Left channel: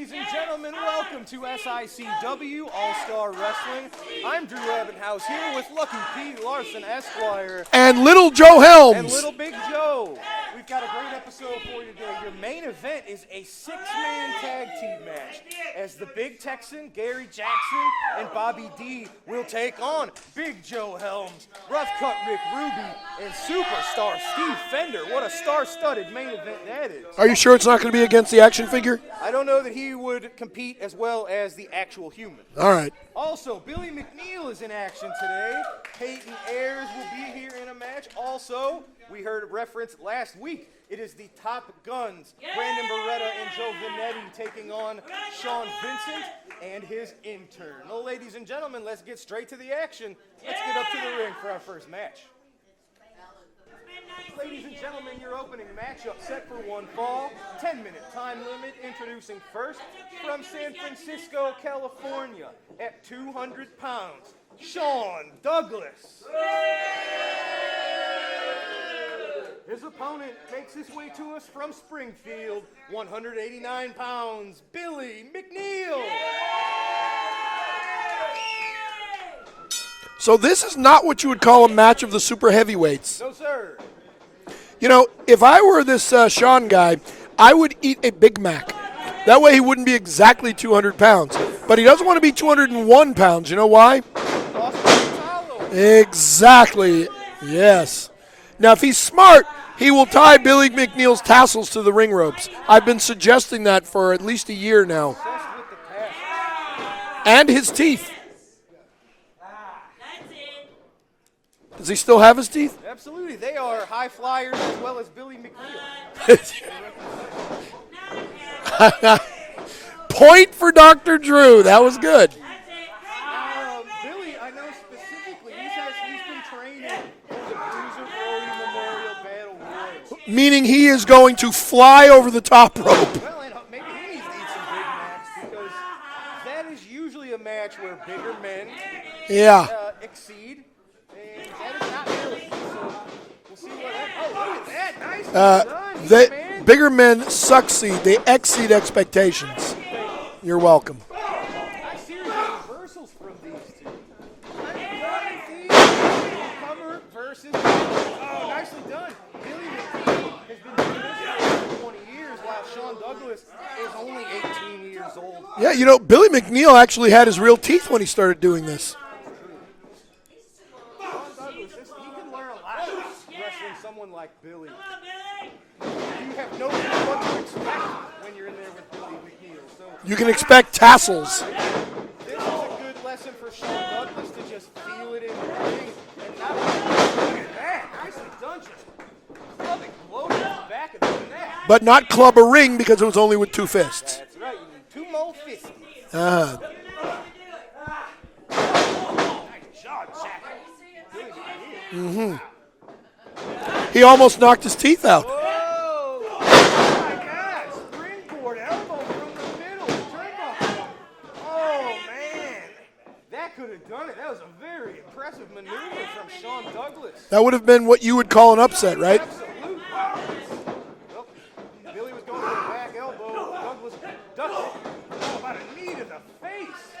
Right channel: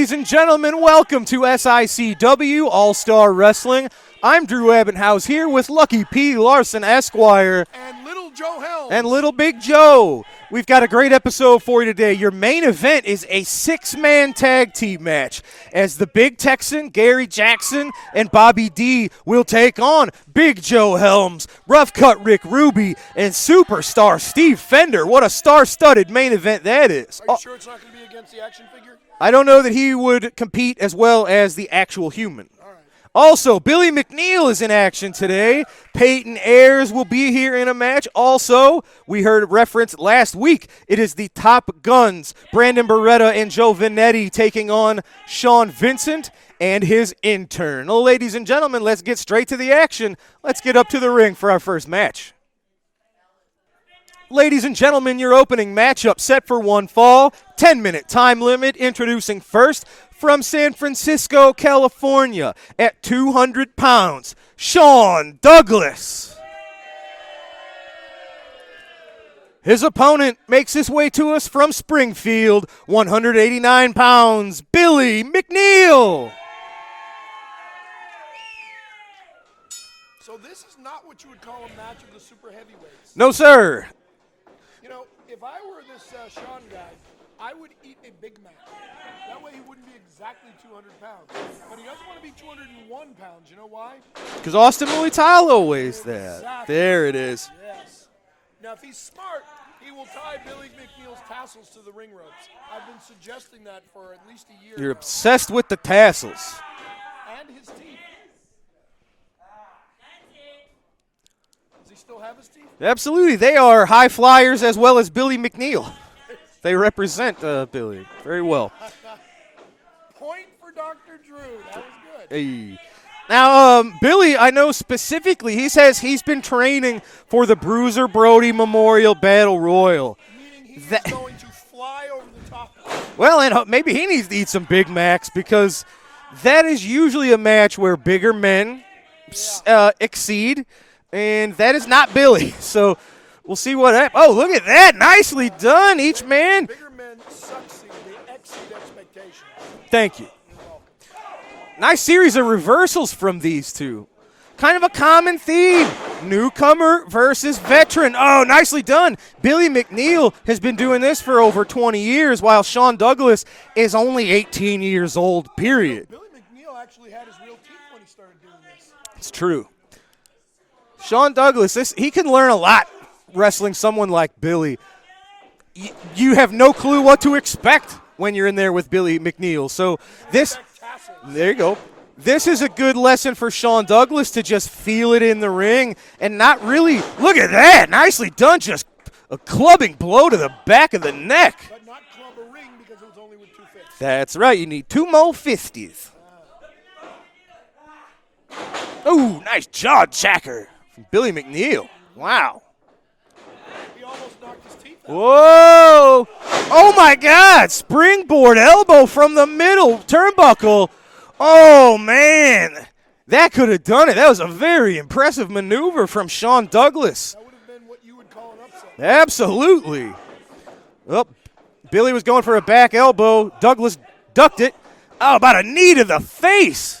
Ladies and gentlemen, welcome to SICW All-Star Wrestling. I'm Drew Abbenhouse here with Lucky P. Larson, Esquire. And Little Joe Helms. And Little Big Joe. We've got a great episode for you today. Your main event is a six-man tag team match as the Big Texan, Gary Jackson, and Bobby D will take on Big Joe Helms, Rough Cut Rick Ruby, and Superstar Steve Fender. What a star-studded main event that is. Are you sure it's not going to be against the action figure? I don't know that he would compete as well as the actual human. All right. Also, Billy McNeil is in action today. Peyton Ayers will be here in a match. Also, we heard reference last week. It is the Top Guns, Brandon Beretta and Joe Vanetti taking on Sean Vincent and his intern. Well, ladies and gentlemen, let's get straight to the action. Let's get up to the ring for our first match. Ladies and gentlemen, your opening matchup set for one fall. 10-minute time limit. Introducing first from San Francisco, California, at 200 pounds, Sean Douglas. His opponent makes his way to us from Springfield, 189 pounds, Billy McNeil. So this is not what you would call a match of the super heavyweights. No, sir. You know, if I were this Sean guy, I would eat a Big Mac. That way he wouldn't be exactly 200 pounds. But he doesn't want to be 201 pounds. You know why? Because Austin Muitalo weighs exactly. There it is. Yes. Now, if he's smart, he will tie Billy McNeil's tassels to the ring ropes. I've been suggesting that for at least a year You're now. Obsessed with the tassels. And his teeth. Does he still have his teeth? Absolutely. They are high flyers as well as Billy McNeil. They represent Billy very well. Point for Dr. Drew. That was good. Hey. Now, Billy, I know specifically, he says he's been training for the Bruiser Brody Memorial Battle Royal. Meaning he is going to fly over the top rope. Well, and maybe he needs to eat some Big Macs because that is usually a match where bigger men exceed, and that is not Billy. So we'll see what happens. Oh, look at that. Nicely done, each man. Bigger men succeed. They exceed expectations. Thank you. You're welcome. Nice series of reversals from these two. Kind of a common theme. Newcomer versus veteran. Oh, nicely done. Billy McNeil has been doing this for over 20 years, while Sean Douglas is only 18 years old, period. Yeah, you know, Billy McNeil actually had his real teeth when he started doing this. It's true. Sean Douglas, he can learn a lot wrestling someone like Billy. You have no clue what to expect when you're in there with Billy McNeil. So you can expect tassels. There you go. This is a good lesson for Sean Douglas to just feel it in the ring and not really – look at that. Nicely done. Just a clubbing blow to the back of the neck. But not club a ring because it was only with two fists. That's right. You need two more fisties. Ooh, nice jaw jacker from Billy McNeil. Mm-hmm. Wow. He almost knocked his teeth out. Whoa. Oh, my God. Springboard elbow from the middle turnbuckle. Oh, man. That could have done it. That was a very impressive maneuver from Sean Douglas. That would have been what you would call an upset, right? Absolutely. Well, Billy was going for a back elbow. Douglas ducked it. Oh, about a knee to the face.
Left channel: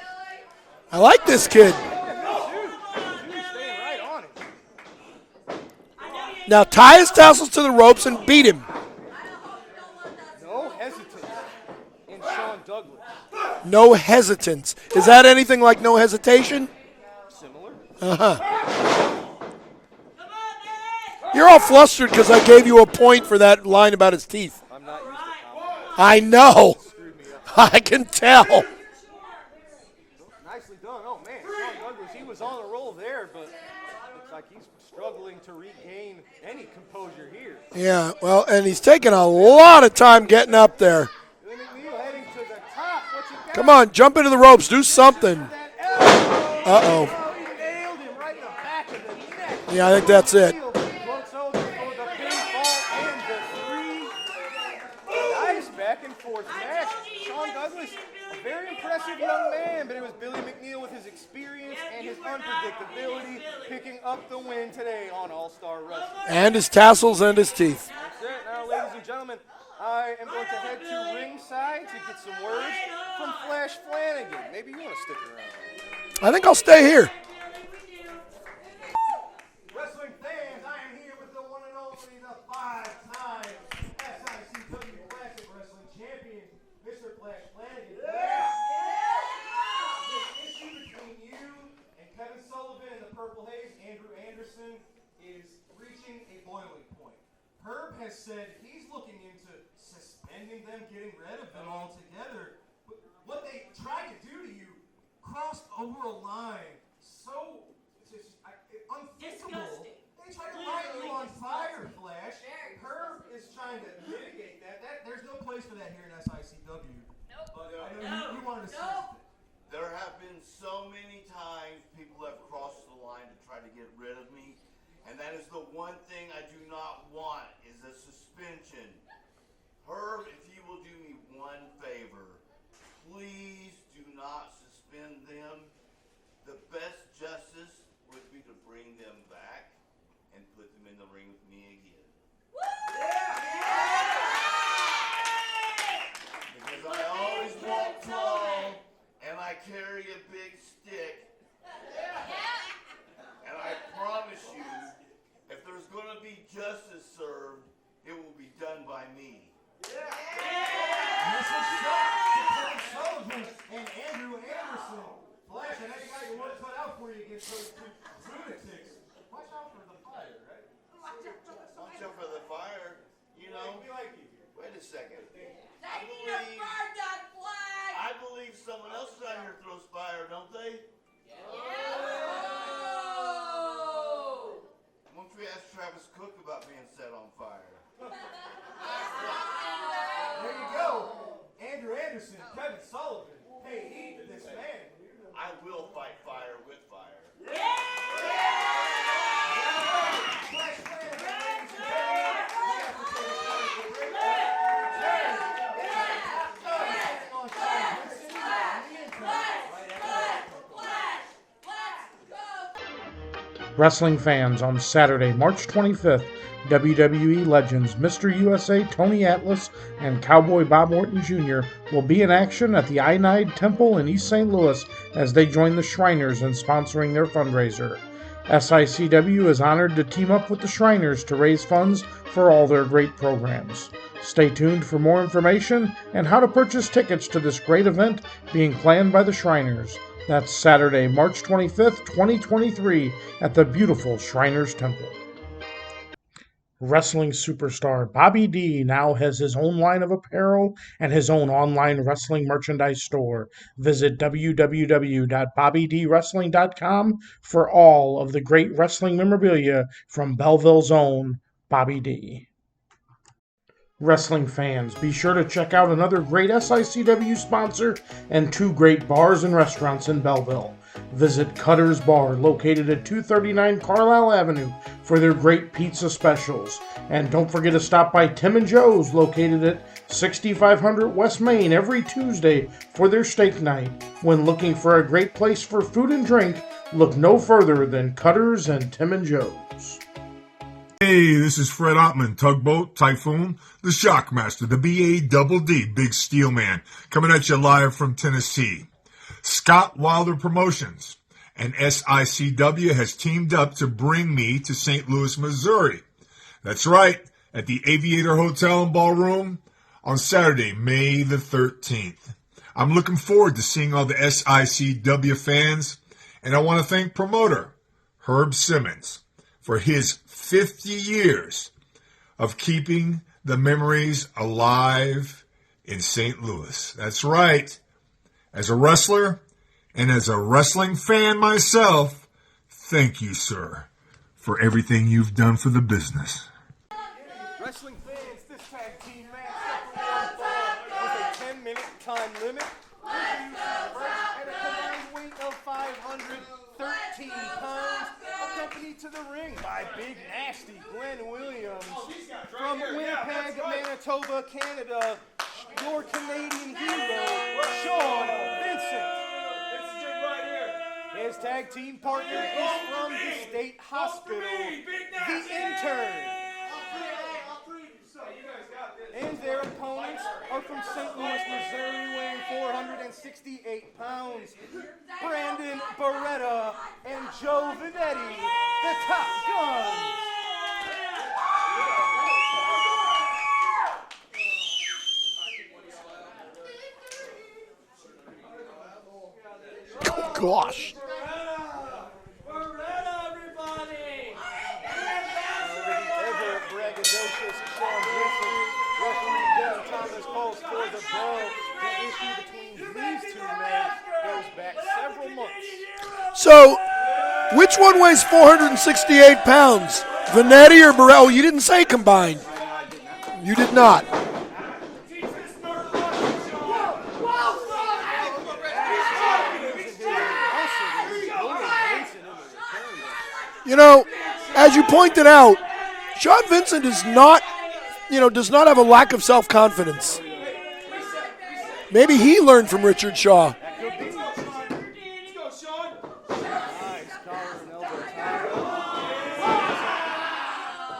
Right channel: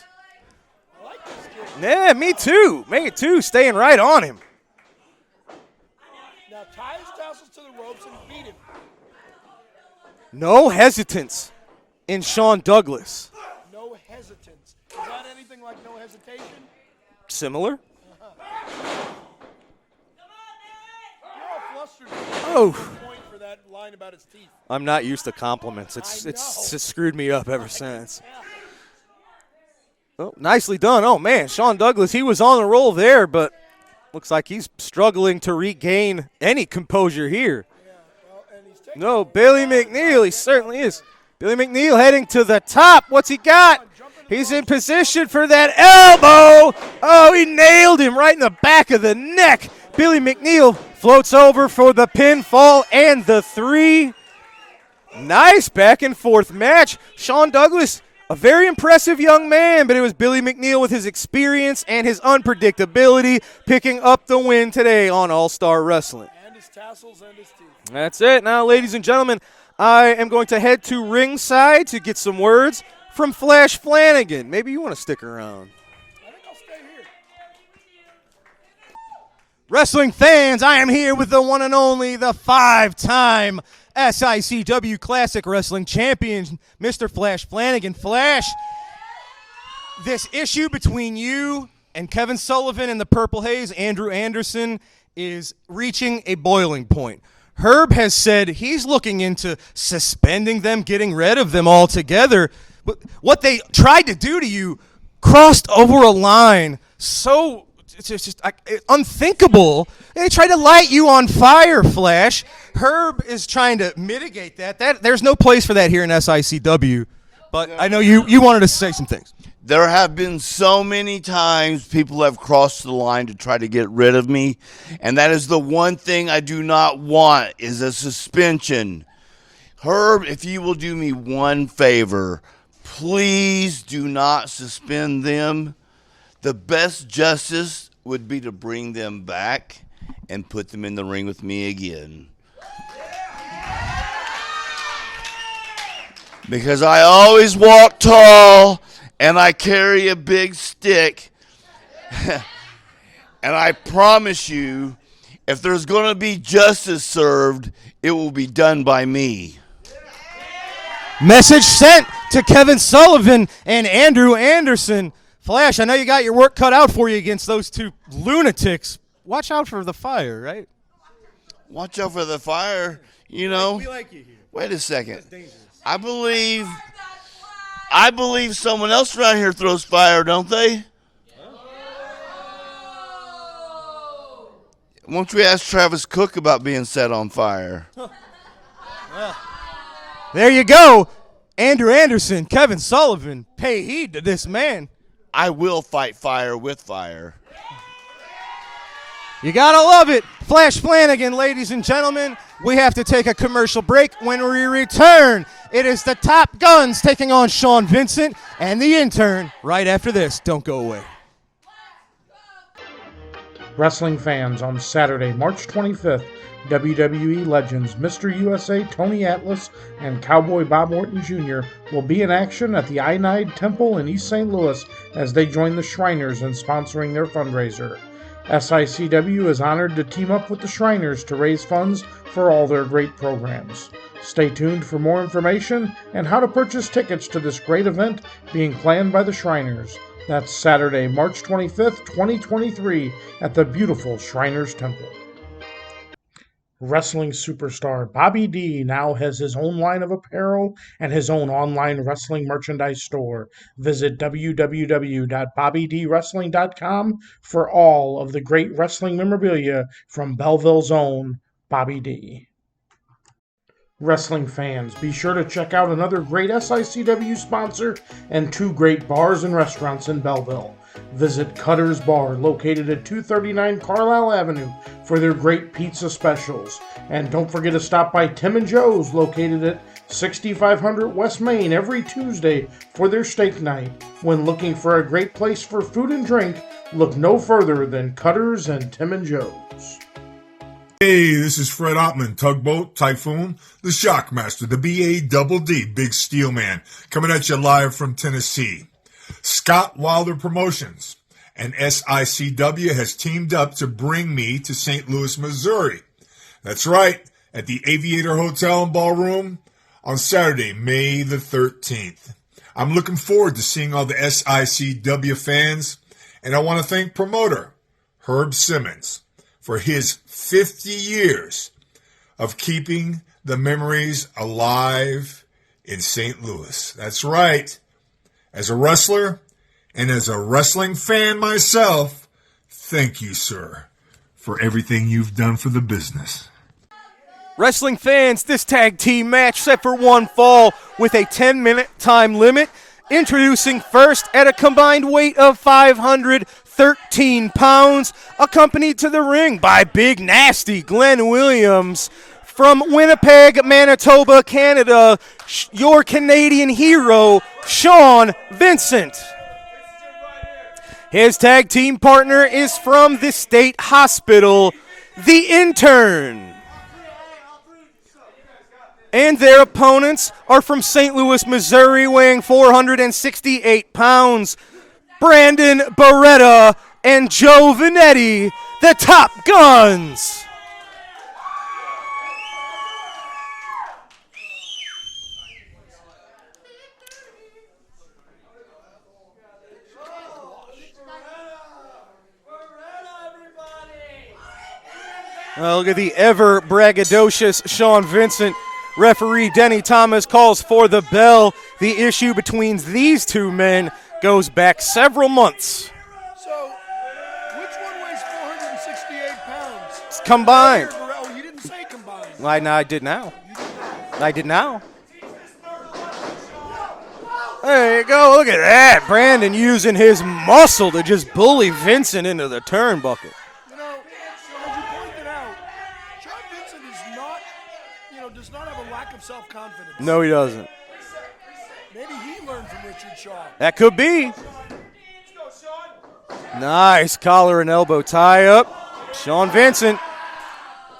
I like this kid. Yeah, me too. Me too. Staying right on him. Now tie his tassels to the ropes and beat him. No hesitance in Sean Douglas. No hesitance. Is that anything like no hesitation? Similar. You're all flustered because I gave you a point for that line about his teeth. I'm not used to compliments. I know. It screwed me up. I can tell. Oh, nicely done. Oh, man, Sean Douglas, he was on the roll there, but looks like he's struggling to regain any composure here. Yeah, well, and he's taking a lot of time getting up there. Billy McNeil heading to the top. What's he got? Come on, jump into the ropes, do something. Position for that elbow. Oh, he nailed him right in the back of the neck. Yeah, Billy McNeil floats over for the pinfall and the 3. Nice back and forth match. Sean Douglas, a very impressive young man, but it was Billy McNeil with his experience and his unpredictability picking up the win today on All-Star Wrestling. And his tassels and his teeth. That's it. Now, ladies and gentlemen, I am going to head to ringside to get some words from Flash Flanagan. Maybe you want to stick around. I think I'll stay here. Wrestling fans, I am here with the one and only, the 5-time SICW Classic Wrestling Champion, Mr. Flash Flanagan. Flash, this issue between you and Kevin Sullivan and the Purple Haze, Andrew Anderson, is reaching a boiling point. Herb has said he's looking into suspending them, getting rid of them altogether. But what they tried to do to you crossed over a line so it's just unthinkable. They tried to light you on fire, Flash. Herb is trying to mitigate that. There's no place for that here in SICW. But I know you wanted to say some things. There have been so many times people have crossed the line to try to get rid of me, and that is the one thing I do not want is a suspension. Herb, if you will do me one favor, please do not suspend them. The best justice would be to bring them back and put them in the ring with me again. Because I always walk tall and I carry a big stick. And I promise you, if there's going to be justice served, it will be done by me. Message sent to Kevin Sullivan and Andrew Anderson. Flash, I know you got your work cut out for you against those two lunatics. Watch out for the fire, right? Watch out for the fire, you know. We like you here. Wait a second. I believe someone else around here throws fire, don't they? Won't we ask Travis Cook about being set on fire? There you go. Andrew Anderson, Kevin Sullivan, pay heed to this man. I will fight fire with fire. You gotta love it. Flash Flanagan, ladies and gentlemen. We have to take a commercial break. When we return, it is the Top Guns taking on Sean Vincent and the intern right after this. Don't go away. Wrestling fans, on Saturday, March 25th, WWE legends Mr. USA Tony Atlas and Cowboy Bob Orton Jr. will be in action at the Ionide Temple in East St. Louis as they join the Shriners in sponsoring their fundraiser. SICW is honored to team up with the Shriners to raise funds for all their great programs. Stay tuned for more information and how to purchase tickets to this great event being planned by the Shriners. That's Saturday, March 25th, 2023 at the beautiful Shriners Temple. Wrestling superstar Bobby D now has his own line of apparel and his own online wrestling merchandise store. Visit www.bobbydwrestling.com for all of the great wrestling memorabilia from Belleville's own Bobby D. Wrestling fans, be sure to check out another great SICW sponsor and two great bars and restaurants in Belleville. Visit Cutter's Bar, located at 239 Carlisle Avenue, for their great pizza specials. And don't forget to stop by Tim and Joe's, located at 6500 West Main, every Tuesday for their steak night. When looking for a great place for food and drink, look no further than Cutter's and Tim and Joe's. Hey, this is Fred Ottman, Tugboat, Typhoon, the Shockmaster, the B.A.D.D, Big Steel Man, coming at you live from Tennessee. Scott Wilder Promotions and SICW has teamed up to bring me to St. Louis, Missouri. That's right, at the Aviator Hotel and Ballroom on Saturday, May the 13th. I'm looking forward to seeing all the SICW fans, and I want to thank promoter Herb Simmons for his 50 years of keeping the memories alive in St. Louis. That's right. As a wrestler and as a wrestling fan myself, thank you, sir, for everything you've done for the business. Wrestling fans, this tag team match set for one fall with a 10-minute time limit. Introducing first at a combined weight of 513 pounds, accompanied to the ring by Big Nasty Glenn Williams. From Winnipeg, Manitoba, Canada, your Canadian hero, Sean Vincent. His tag team partner is from the State Hospital, the intern. And their opponents are from St. Louis, Missouri, weighing 468 pounds. Brandon Beretta and Joe Vanetti, the Top Guns. Oh, gosh. Look at the ever braggadocious Sean Vincent. Referee Denny Thomas calls for the bell. The issue between these two men goes back several months. So, which one weighs 468 pounds? Combined. Vanetti or Beretta? Oh, you didn't say combined. I did now. You did not. I did now. There you go. Look at that. Brandon using his muscle to just bully Vincent into the turnbuckle. You know, as you pointed out, Sean Vincent does not have a lack of self-confidence. No, he doesn't. Maybe he learned from Richard Shaw. That could be. Nice collar and elbow tie up. Sean Vincent,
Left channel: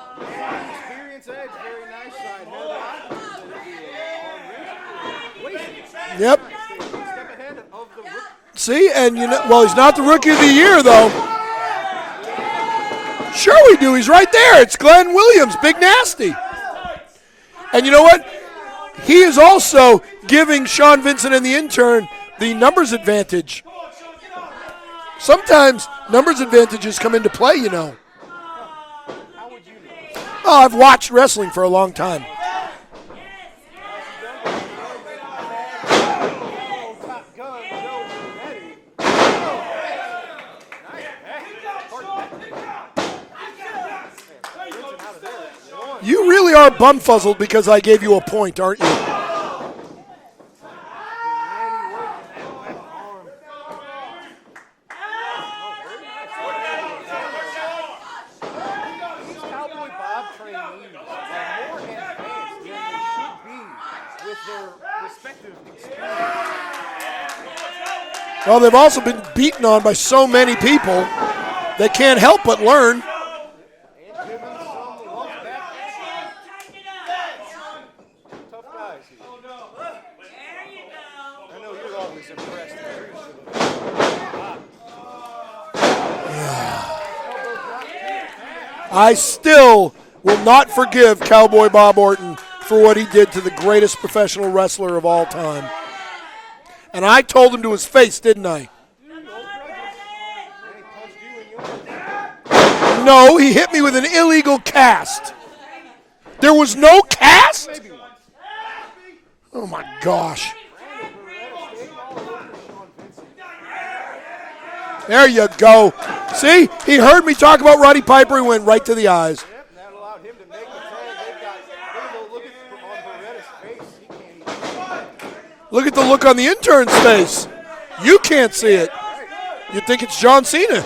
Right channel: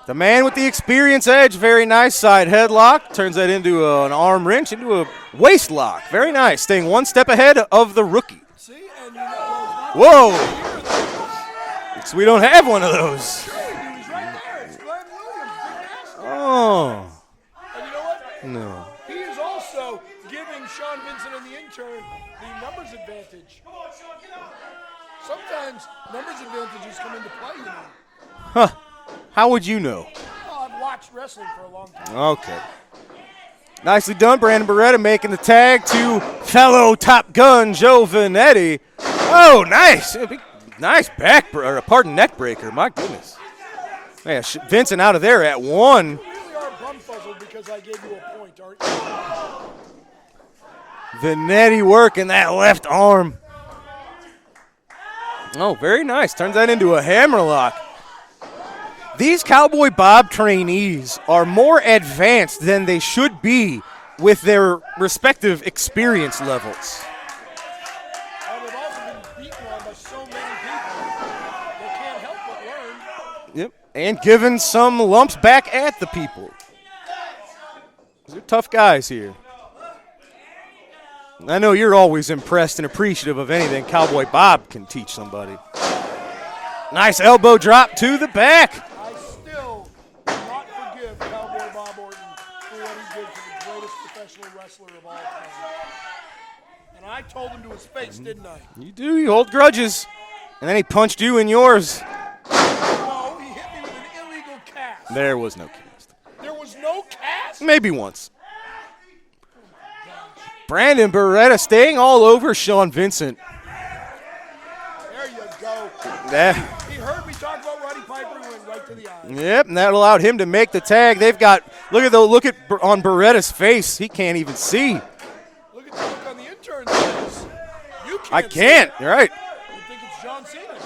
the man with the experience edge. Very nice side headlock. Turns that into an arm wrench, into a waist lock. Very nice. Staying one step ahead of the rookie. See, and he's not the rookie of the year, though. So we don't have one of those. Sure we do. He's right there. It's Glenn Williams, Big Nasty. Oh. And you know what? No. He is also giving Sean Vincent and the intern the numbers advantage. Sometimes numbers advantages come into play, you know. Huh. How would you know? Oh, I've watched wrestling for a long time. Okay. Nicely done, Brandon Beretta making the tag to fellow Top Gun Joe Vanetti. Oh, nice. Nice neck breaker. My goodness. Man, Vincent out of there at one. You really are bumfuzzled because I gave you a point, aren't you? Vanetti working that left arm. Oh, very nice. Turns that into a hammerlock. These Cowboy Bob trainees are more advanced than they should be with their respective experience levels. Well, they've also been beaten on by so many people they can't help but learn. Yep, and given some lumps back at the people. These are tough guys here. I know you're always impressed and appreciative of anything Cowboy Bob can teach somebody. Yeah. Nice elbow drop to the back. I still will not forgive Cowboy Bob Orton for what he did to the greatest professional wrestler of all time. And I told him to his face, didn't I? You do. You hold grudges. And then he punched you in yours. No, he hit me with an illegal cast. There was no cast. There was no cast? Maybe once. Oh, my gosh. Brandon Beretta staying all over Sean Vincent. There you go. See, he heard me talk about Roddy Piper. He went right to the eyes. Yep, and that allowed him to make the tag. They've got, look at on Beretta's face. He can't even see. Look at the look on the intern's face. You can't see it. Right. You'd think it's John Cena.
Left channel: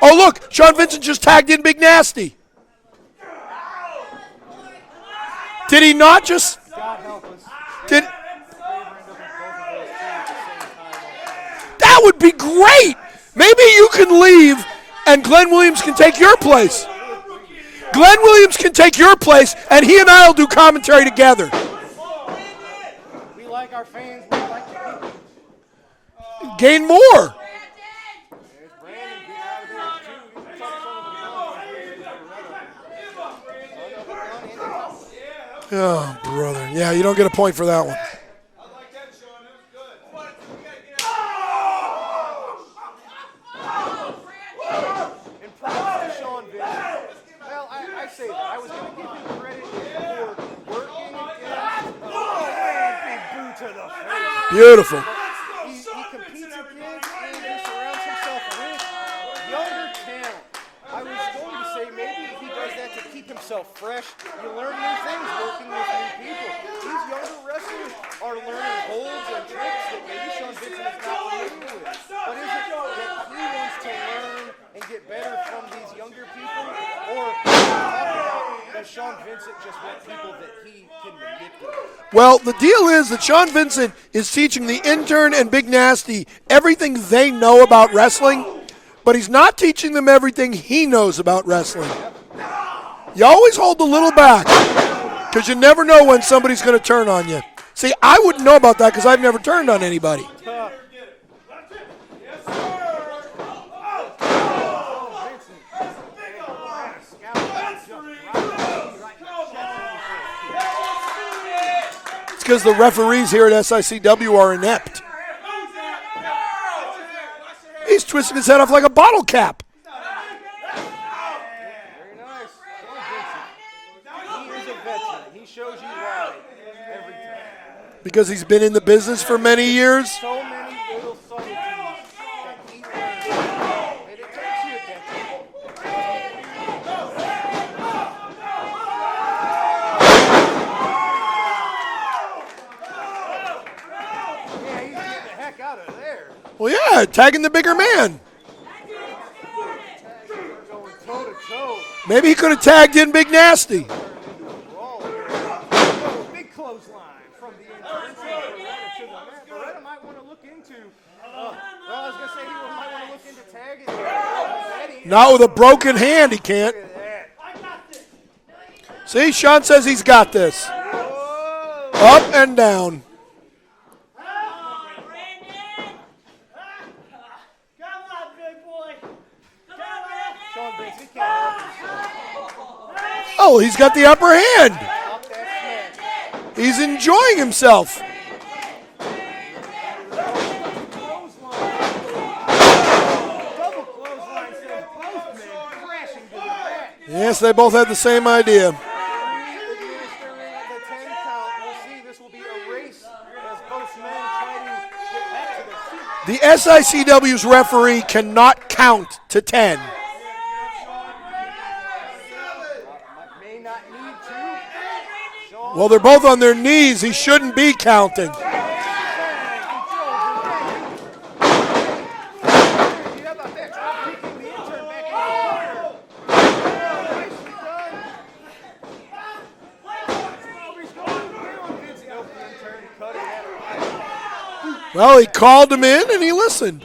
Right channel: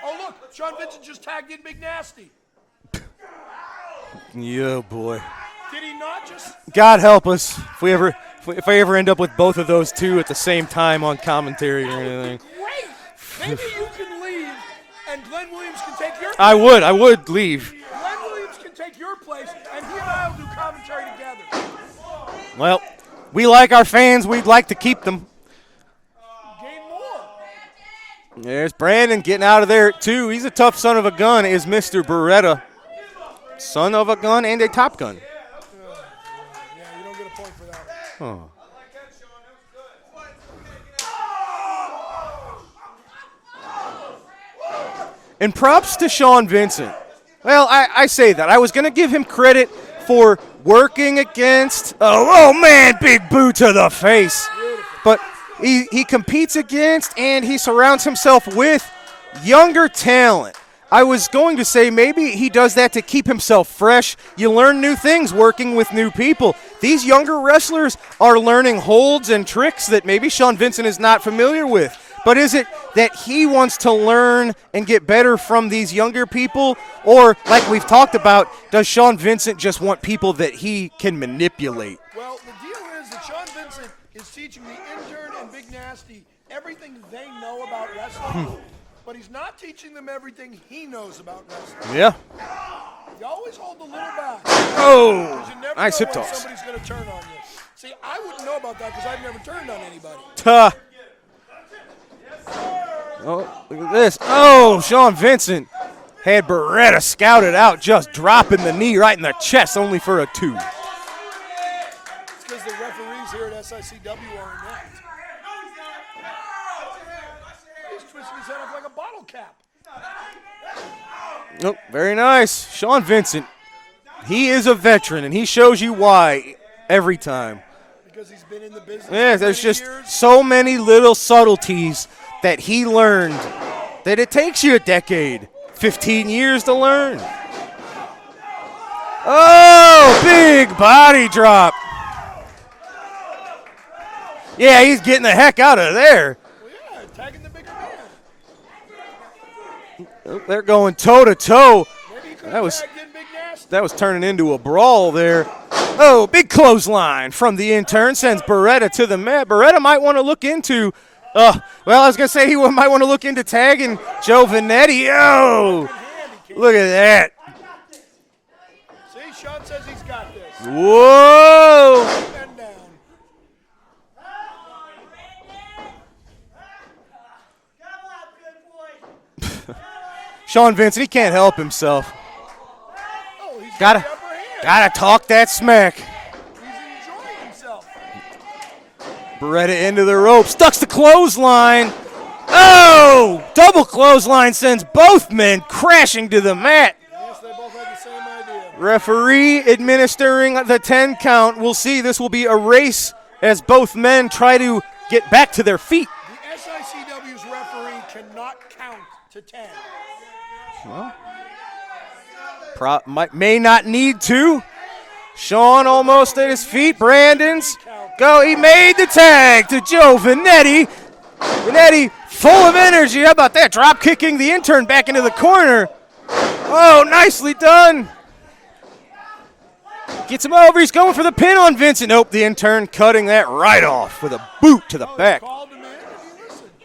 Oh, look, Sean Vincent just tagged in Big Nasty. Yeah, boy. Did he not just? God help us if I ever end up with both of those two at the same time on commentary. That would be great. Maybe you can leave and Glenn Williams can take your place. I would leave. Glenn Williams can take your place and he and I will do commentary together. Well, we like our fans. We'd like to keep them. Gain more. There's Brandon getting out of there, too. He's a tough son of a gun, is Mr. Beretta. Son of a gun and a Top Gun. Oh, brother. Yeah, you don't get a point for that one. Oh. And props to Sean Vincent. Well, I say that. I was going to give him credit for working against, oh man, big boot to the face. Beautiful. But he competes against and he surrounds himself with younger talent. I was going to say maybe he does that to keep himself fresh. You learn new things working with new people. These younger wrestlers are learning holds and tricks that maybe Sean Vincent is not familiar with. But is it that he wants to learn and get better from these younger people? Or, like we've talked about, does Sean Vincent just want people that he can manipulate? Well, the deal is that Sean Vincent is teaching the intern and Big Nasty everything they know about wrestling, but he's not teaching them everything he knows about wrestling. Yeah. You always hold the little back. Oh, Because you never nice know when hit. somebody's going to turn on you. See, I wouldn't know about that because I've never turned on anybody. Oh, look at this. Oh, Sean Vincent had Beretta scouted out, just dropping the knee right in the chest, only for a 2. It's because the referees here at SICW are inept. He's twisting his head off like a bottle cap. Nope, very nice. Sean Vincent, he is a veteran, and he shows you why every time. Because he's been in the business for there's many just years. So many little subtleties that he learned that it takes you a decade, 15 years to learn. Oh, big body drop. Yeah, he's getting the heck out of there. Well, yeah, tagging the bigger man. They're going toe-to-toe. Maybe he could have tagged in Big Nasty. That was turning into a brawl there. Oh, big clothesline from the intern sends Beretta to the mat. Beretta might want to look into, well, I was going to say he might want to look into tagging Joe Vanetti. Now with a Oh, broken hand, he can't. look at that. See, Sean says he's got this. Whoa. Up and down. Sean Vincent, he can't help himself. Oh, he's got the upper hand. Gotta talk that smack. He's enjoying himself. Beretta into the ropes, ducks the clothesline. Oh! Double clothesline sends both men crashing to the mat. Yes, they both had the same idea. Referee administering the 10 count. We'll see. This will be a race as both men try to get back to their feet. The SICW's referee cannot count to 10. May not need to. Sean Well, they're both almost on their at his knees. feet. He shouldn't Brandon's- be counting. No, he made the tag to Joe Vanetti. Vanetti full of energy. How about that? Drop kicking the intern back into the corner. Oh, nicely done. Gets him over. He's going for the pin on Vincent. Nope, the intern cutting that right off with a boot to Oh, the he back. called him in and he listened.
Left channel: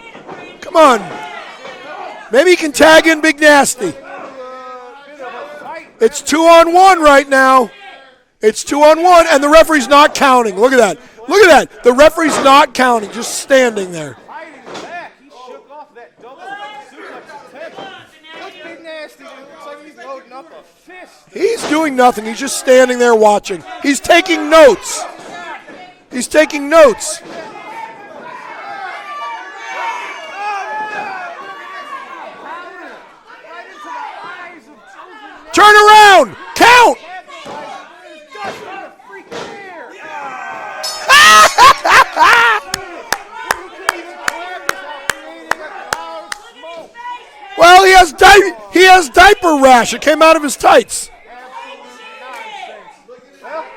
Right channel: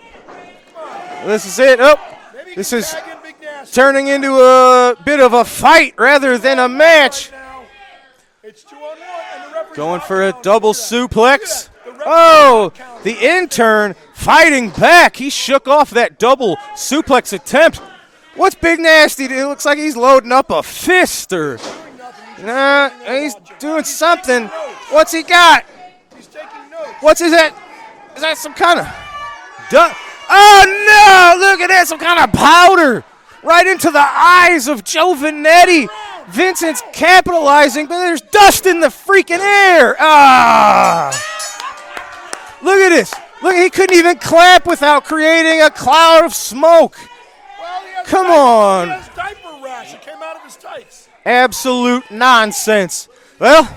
Come on. This is it. Oh, Maybe he This can is tag in Big Nasty. turning into a bit of a fight rather it's 2 than a on 1 match. right now. It's 2 on 1, and the referee's Going not for a counting. double Look at that. suplex. Look at that. The referee's Oh, not counting. The Just standing intern there. fighting back. He shook off that double suplex attempt. What's Big Nasty do? It looks like he's loading up a fist. Or, He's doing nothing. He's just standing there he's watching. doing He's something. taking notes. What's he got? He's taking notes. What's is that? Is that some kind of? Oh no! Look at that! Some kind of powder right into the eyes of Joe Vanetti. Turn around! Vince Count! is capitalizing, but there's dust in the freaking air. Ah! Look at this. Look, he couldn't even clap without creating a cloud of smoke. Well, he has Come on. he has diaper rash. It came out of his tights. Absolute nonsense. Well,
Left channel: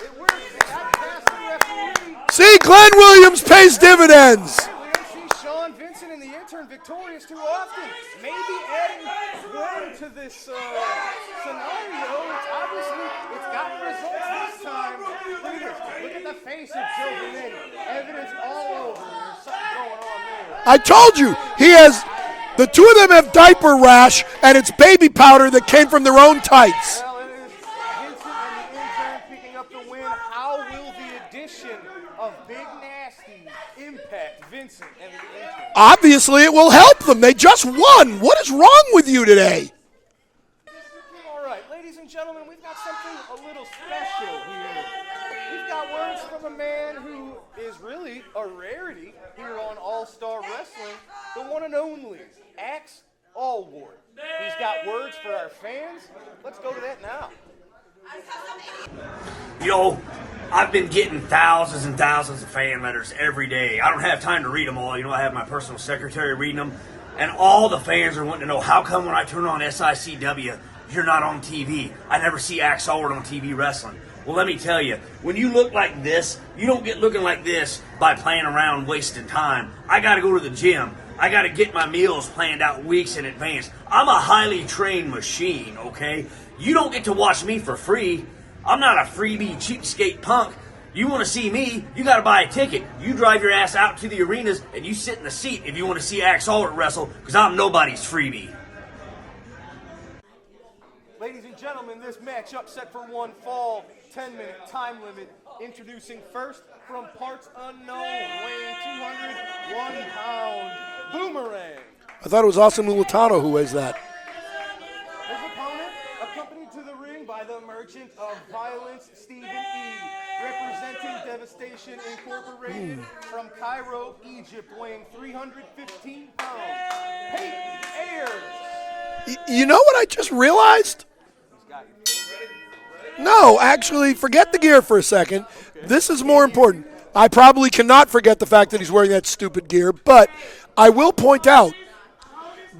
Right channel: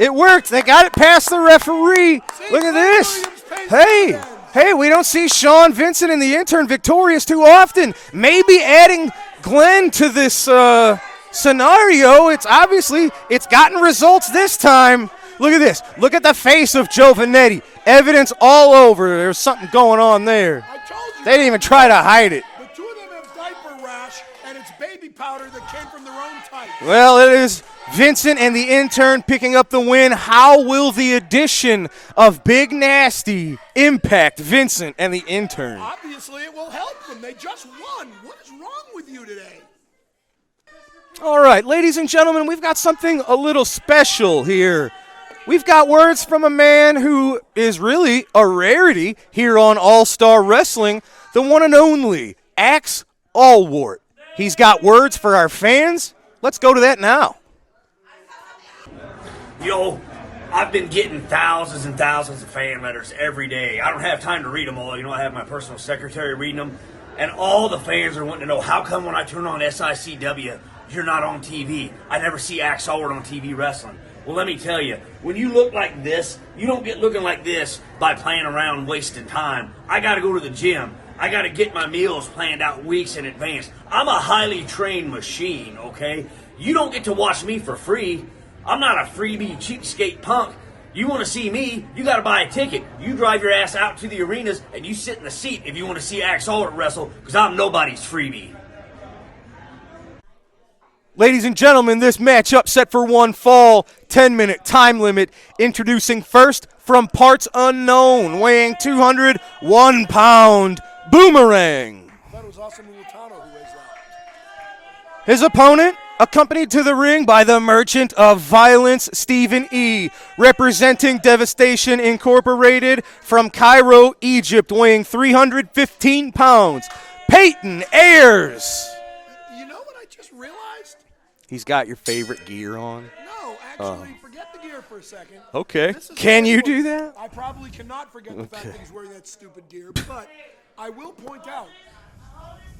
it worked. They got it past the referee. See, Look at Glenn this. Williams pays dividends. Hey, we don't see Sean Vincent and the intern victorious too often. Maybe adding Glenn to this scenario, it's gotten results this time. Look at this. Look at the face of Joe Vanetti. Evidence all over. There's something going on there. I told you. They didn't even he try has- to hide it. The two of them have diaper rash, and it's baby powder that came from their own tights. Well, it is Vincent and the intern picking up the win. How will the addition of Big Nasty impact Vincent and the intern? Obviously, it will help them. They just won. What is wrong with you today? All right, ladies and gentlemen, we've got something a little special here. We've got words from a man who is really a rarity here on All-Star Wrestling, the one and only Axe Allwart. He's got words for our fans. Let's go to that now. Yo, I've been getting thousands and thousands of fan letters every day. I don't have time to read them all. You know, I have my personal secretary reading them. And all the fans are wanting to know, how come when I turn on SICW, you're not on TV? I never see Axe Allward on TV wrestling. Well, let me tell you, when you look like this, you don't get looking like this by playing around wasting time. I got to go to the gym. I got to get my meals planned out weeks in advance. I'm a highly trained machine, okay? You don't get to watch me for free. I'm not a freebie cheapskate punk. You want to see me, you got to buy a ticket. You drive your ass out to the arenas and you sit in the seat if you want to see Axe Allward wrestle, because I'm nobody's freebie. Ladies and gentlemen, this matchup set for one fall, 10-minute time limit. Introducing first from parts unknown, weighing 201 pound, Boomerang. I thought it was Austin Mulitano who weighs that. His opponent, accompanied to the ring by the Merchant of Violence, Stephen E., representing Devastation Incorporated from Cairo, Egypt, weighing 315 pounds, Peyton Ayers. You know what I just realized? He's got your favorite gear on. No, actually, forget the gear for a second. Okay. This is Can more you important. do that? I probably cannot forget the fact that he's wearing that stupid gear, but I will point out,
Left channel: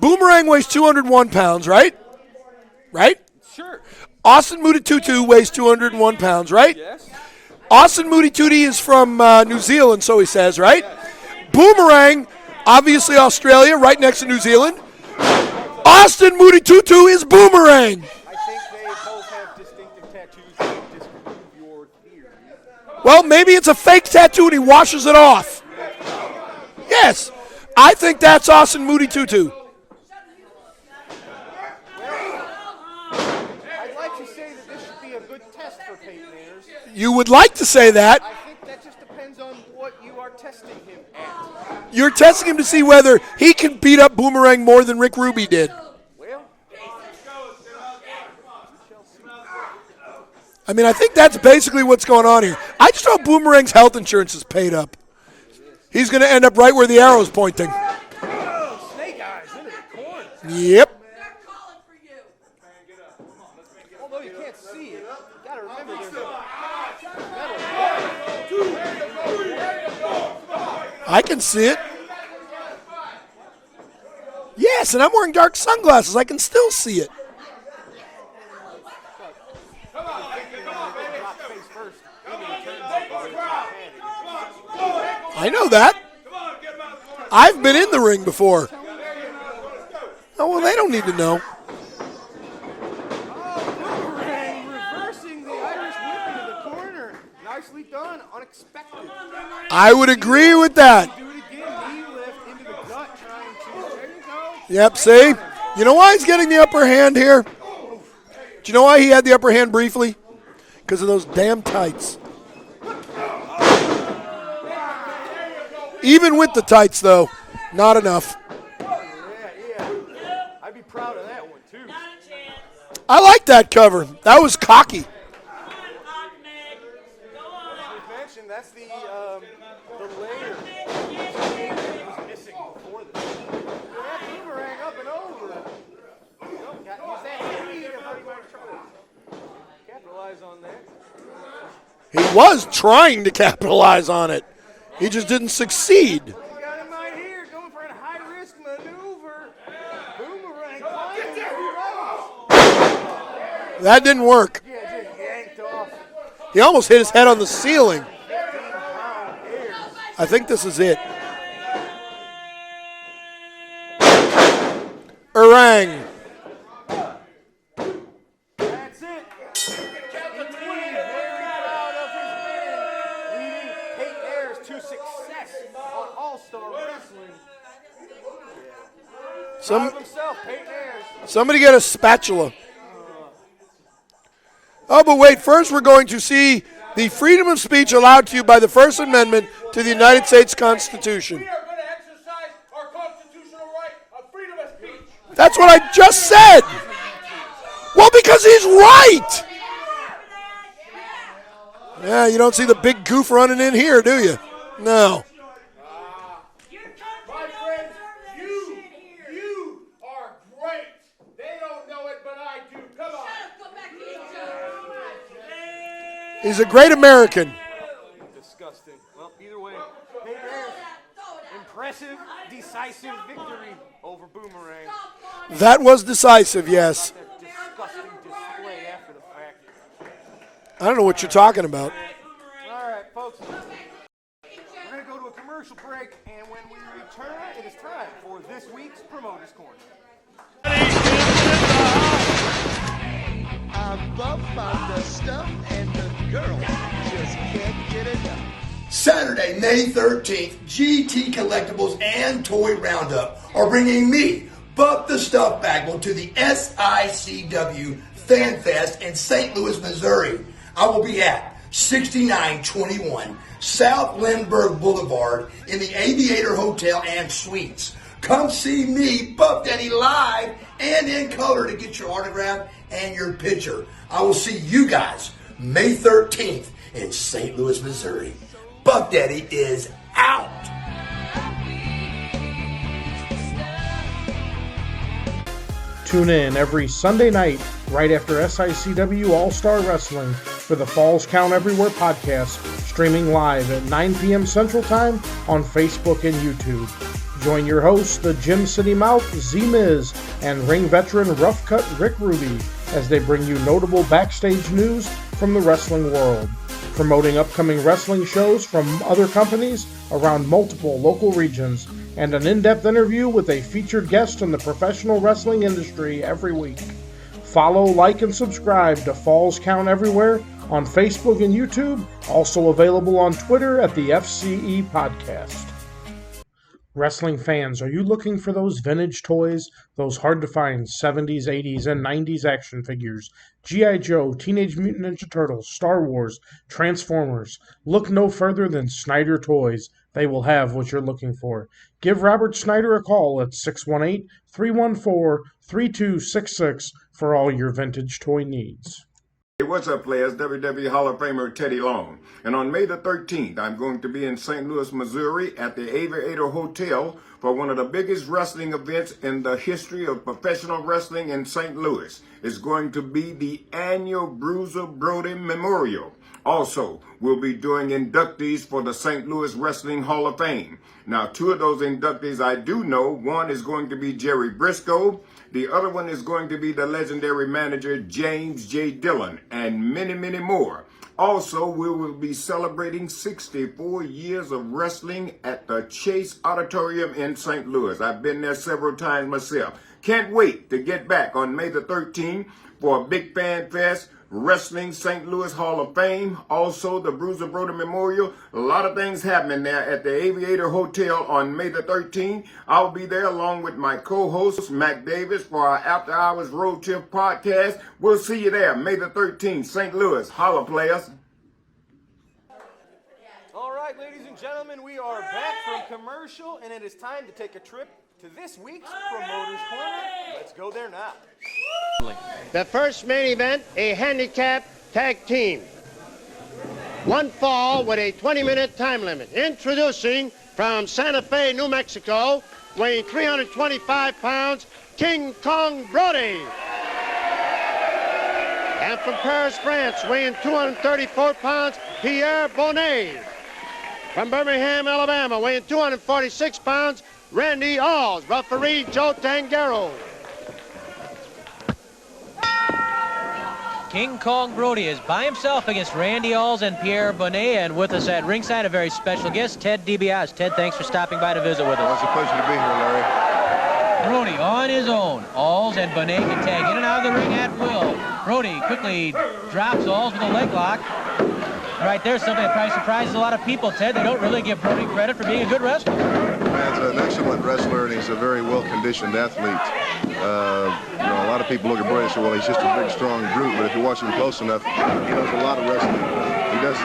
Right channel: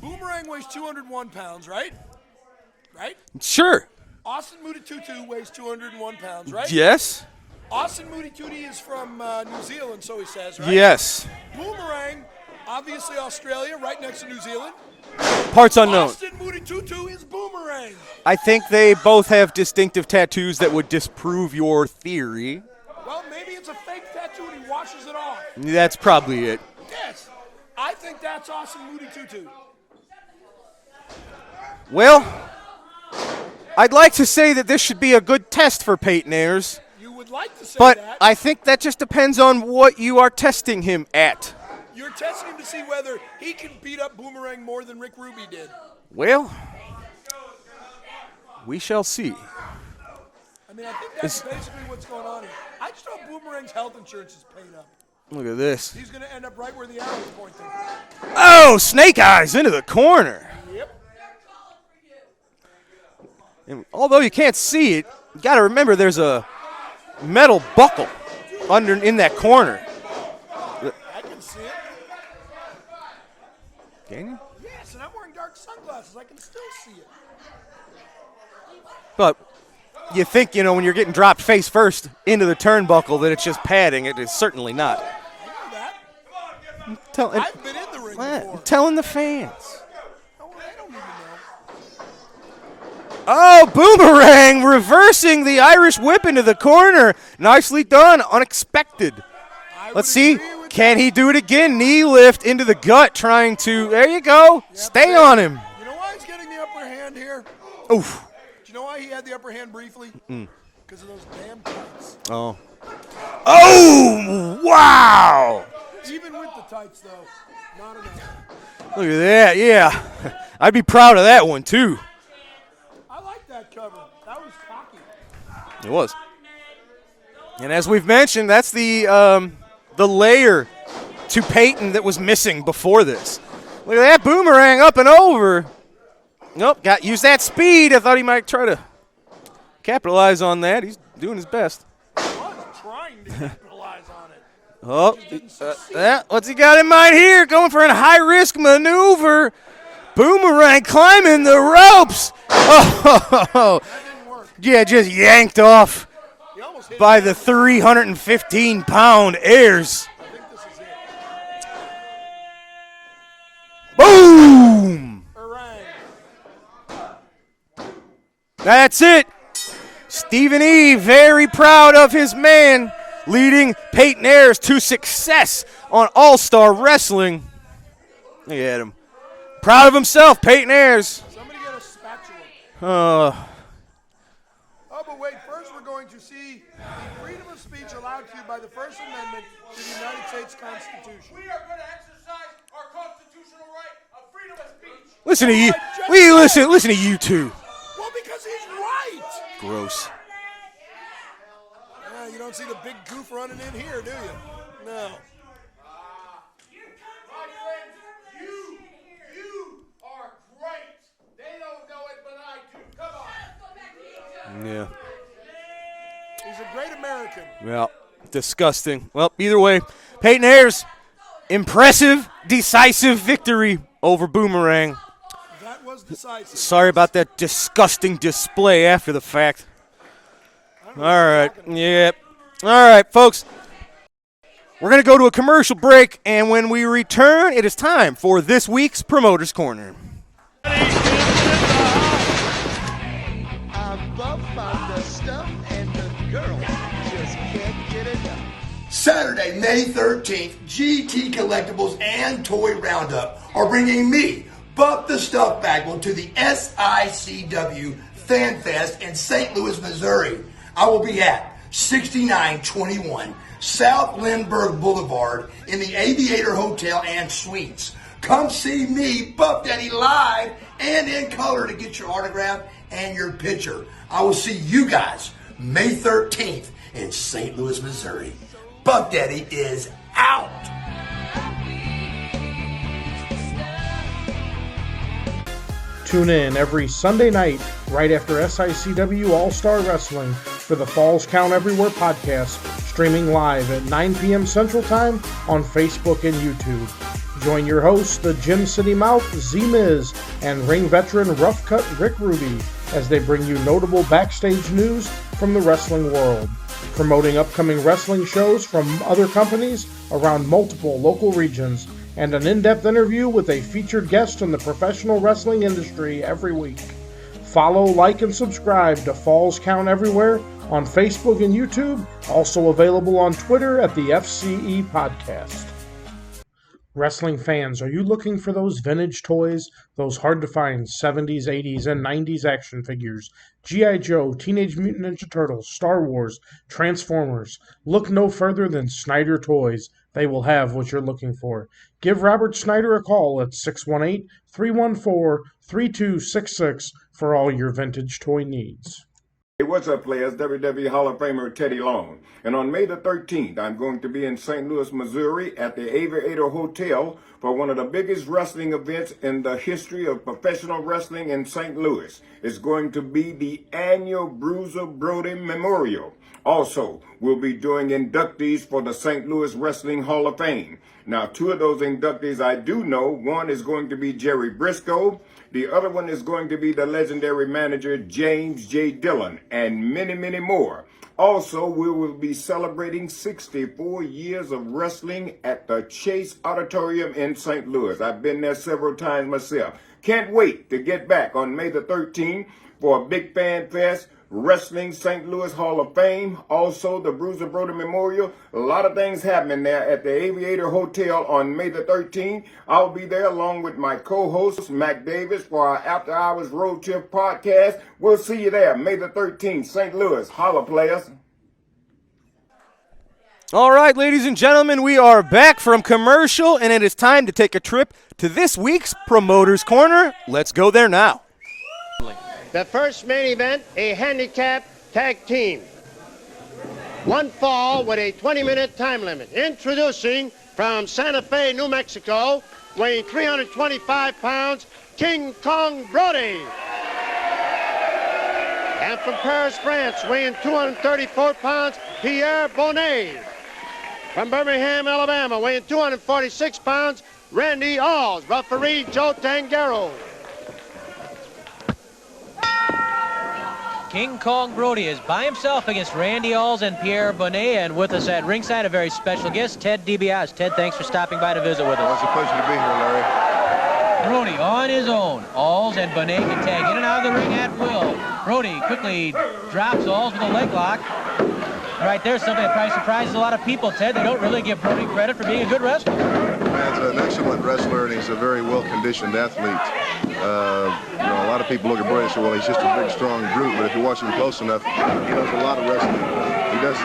Boomerang weighs 201 pounds, right? Right? Sure. Austin Mutitutu weighs 201 pounds, right? Yes. Austin Mutitutu is from New Zealand, so he says, right? Yes. Boomerang, obviously Australia, right next to New Zealand. Parts unknown. Austin Mutitutu is Boomerang. I think they both have distinctive tattoos that would disprove your theory. Well, maybe it's a fake tattoo and he washes it off. That's probably it. Yes. I think that's Austin Mutitutu. Well, I'd like to say that this should be a good test for Peyton Ayers. You would like to say but that. I think that just depends on what you are testing him at. You're testing him to see whether he can beat up Boomerang more than Rick Ruby did. Well, we shall see. I mean, I think that's basically what's going on here. I just hope Boomerang's health insurance is paid up. Look at this. He's going to end up right where the arrow's pointing. Oh, Snake Eyes into the corner. Yep. And although you can't see it, you got to remember there's a metal buckle in that corner. I can see it. Can you? Yes, and I'm wearing dark sunglasses. I can still see it. But you think, when you're getting dropped face first into the turnbuckle that it's just padding. It is certainly not. I know that. I've been in the ring before. Telling the fans. Oh, well, they don't need to know. Oh, Boomerang reversing the Irish whip into the corner. Nicely done. Unexpected. I would agree with that. Can he do it again? Knee lift into the gut, trying to. There you go. Yep, Stay see? on him. You know why he's getting the upper hand here? Oof. Do you know why he had the upper hand briefly? Because of those damn tights. Oh. Oh, wow. Even with the tights, though, not enough. Look at that. Yeah. I'd be proud of that one, too. I like that cover. That was cocky. It was. And as we've mentioned, that's the layer to Peyton that was missing before this. Look at that Boomerang up and over. Nope, use that speed. I thought he might try to capitalize on that. He's doing his best. He was trying to capitalize on it. Oh. He just didn't succeed. Yeah, what's he got in mind here? Going for a high-risk maneuver. Boomerang climbing the ropes. Oh, that didn't work. Yeah, just yanked off. He almost hit his head on the ceiling. 315-pound Ayers. I think this is it. Boom! Orang. That's it. Stephen E. very proud of his man, leading Peyton Ayers to success on All-Star Wrestling. Look at him. Proud of himself, Peyton Ayers. Somebody get a spatula. Oh, but wait. First, we're going to see the freedom of speech allowed to you by the First Amendment to the United States Constitution. We are going to exercise our constitutional right of freedom of speech. Listen That's to what you. I just said. Listen to you two. Well, because he's right. Gross. Yeah, you don't see the big goof running in here, do you? No. My friends, you are great. They don't know it, but I do. Come on. Yeah. He's a great American. Well, disgusting. Well, either way, Peyton Ayers, impressive, decisive victory over Boomerang. That was decisive, Sorry yes. about that disgusting display after the fact. I don't know what you're talking about. Yep. All right, folks. We're going to go to a commercial break, and when we return, it is time for this week's Promoter's Corner. Saturday, May 13th, GT Collectibles and Toy Roundup are bringing me, Buck the Stuff Bagwell, to the SICW Fan Fest in St. Louis, Missouri. I will be at 6921 South Lindbergh Boulevard in the Aviator Hotel and Suites. Come see me, Buff Daddy, live and in color to get your autograph and your picture. I will see you guys May 13th in St. Louis, Missouri. Buff Daddy is out. Tune in every Sunday night right after SICW All-Star Wrestling for the Falls Count Everywhere podcast, streaming live at 9 p.m. Central Time on Facebook and YouTube. Join your hosts, the Gym City Mouth, Z-Miz, and ring veteran Rough Cut Rick Ruby as they bring you notable backstage news from the wrestling world, promoting upcoming wrestling shows from other companies around multiple local regions, and an in-depth interview with a featured guest in the professional wrestling industry every week. Follow, like, and subscribe to Falls Count Everywhere on Facebook and YouTube, also available on Twitter at the FCE Podcast. Wrestling fans, are you looking for those vintage toys, those hard-to-find 70s, 80s, and 90s action figures? G.I. Joe, Teenage Mutant Ninja Turtles, Star Wars, Transformers. Look no further than Snyder Toys. They will have what you're looking for. Give Robert Snyder a call at 618-314-3266 for all your vintage toy needs. Hey, what's up, players? WWE Hall of Famer Teddy Long. And on May the 13th, I'm going to be in St. Louis, Missouri at the Aviator Hotel for one of the biggest wrestling events in the history of professional wrestling in St. Louis. It's going to be the annual Bruiser Brody Memorial. Also, we'll be doing inductees for the St. Louis Wrestling Hall of Fame. Now, two of those inductees I do know. One is going to be Jerry Briscoe. The other one is going to be the legendary manager James J. Dillon, and many, many more. Also, we will be celebrating 64 years of wrestling at the Chase Auditorium in St. Louis. I've been there several times myself. Can't wait to get back on May the 13th for a big fan fest. Wrestling St. Louis Hall of Fame, also the Bruiser Brody Memorial. A lot of things happening there at the Aviator Hotel on May the 13th. I'll be there along with my co-host, Mac Davis, for our After Hours Road Trip podcast. We'll see you there, May the 13th, St. Louis. Holla, players. All right, ladies and gentlemen, we are back from commercial, and it is time to take a trip to this week's Promoter's Corner. Let's go there now. The first main event, a handicap tag team. One fall with a 20-minute time limit. Introducing from Santa Fe, New Mexico, weighing 325 pounds, King Kong Brody. And from Paris, France, weighing 234 pounds, Pierre Bonnet. From Birmingham, Alabama, weighing 246 pounds, Randy Alls. Referee Joe Tangaro. King Kong Brody is by himself against Randy Alls and Pierre Bonnet, and with us at ringside, a very special guest, Ted DiBiase. Ted, thanks for stopping by to visit with us. It's a pleasure to be here, Larry. Brody on his own. Alls and Bonnet can tag in and out of the ring at will. Brody quickly drops Alls with a leg lock. Right there's something that probably surprises a lot of people, Ted. They don't really give Brody credit for being a good wrestler. He's an excellent wrestler, and he's a very well-conditioned athlete. A lot of people look at Brody and say, well, he's just a big, strong brute, but if you watch him close enough, he knows a lot of wrestling.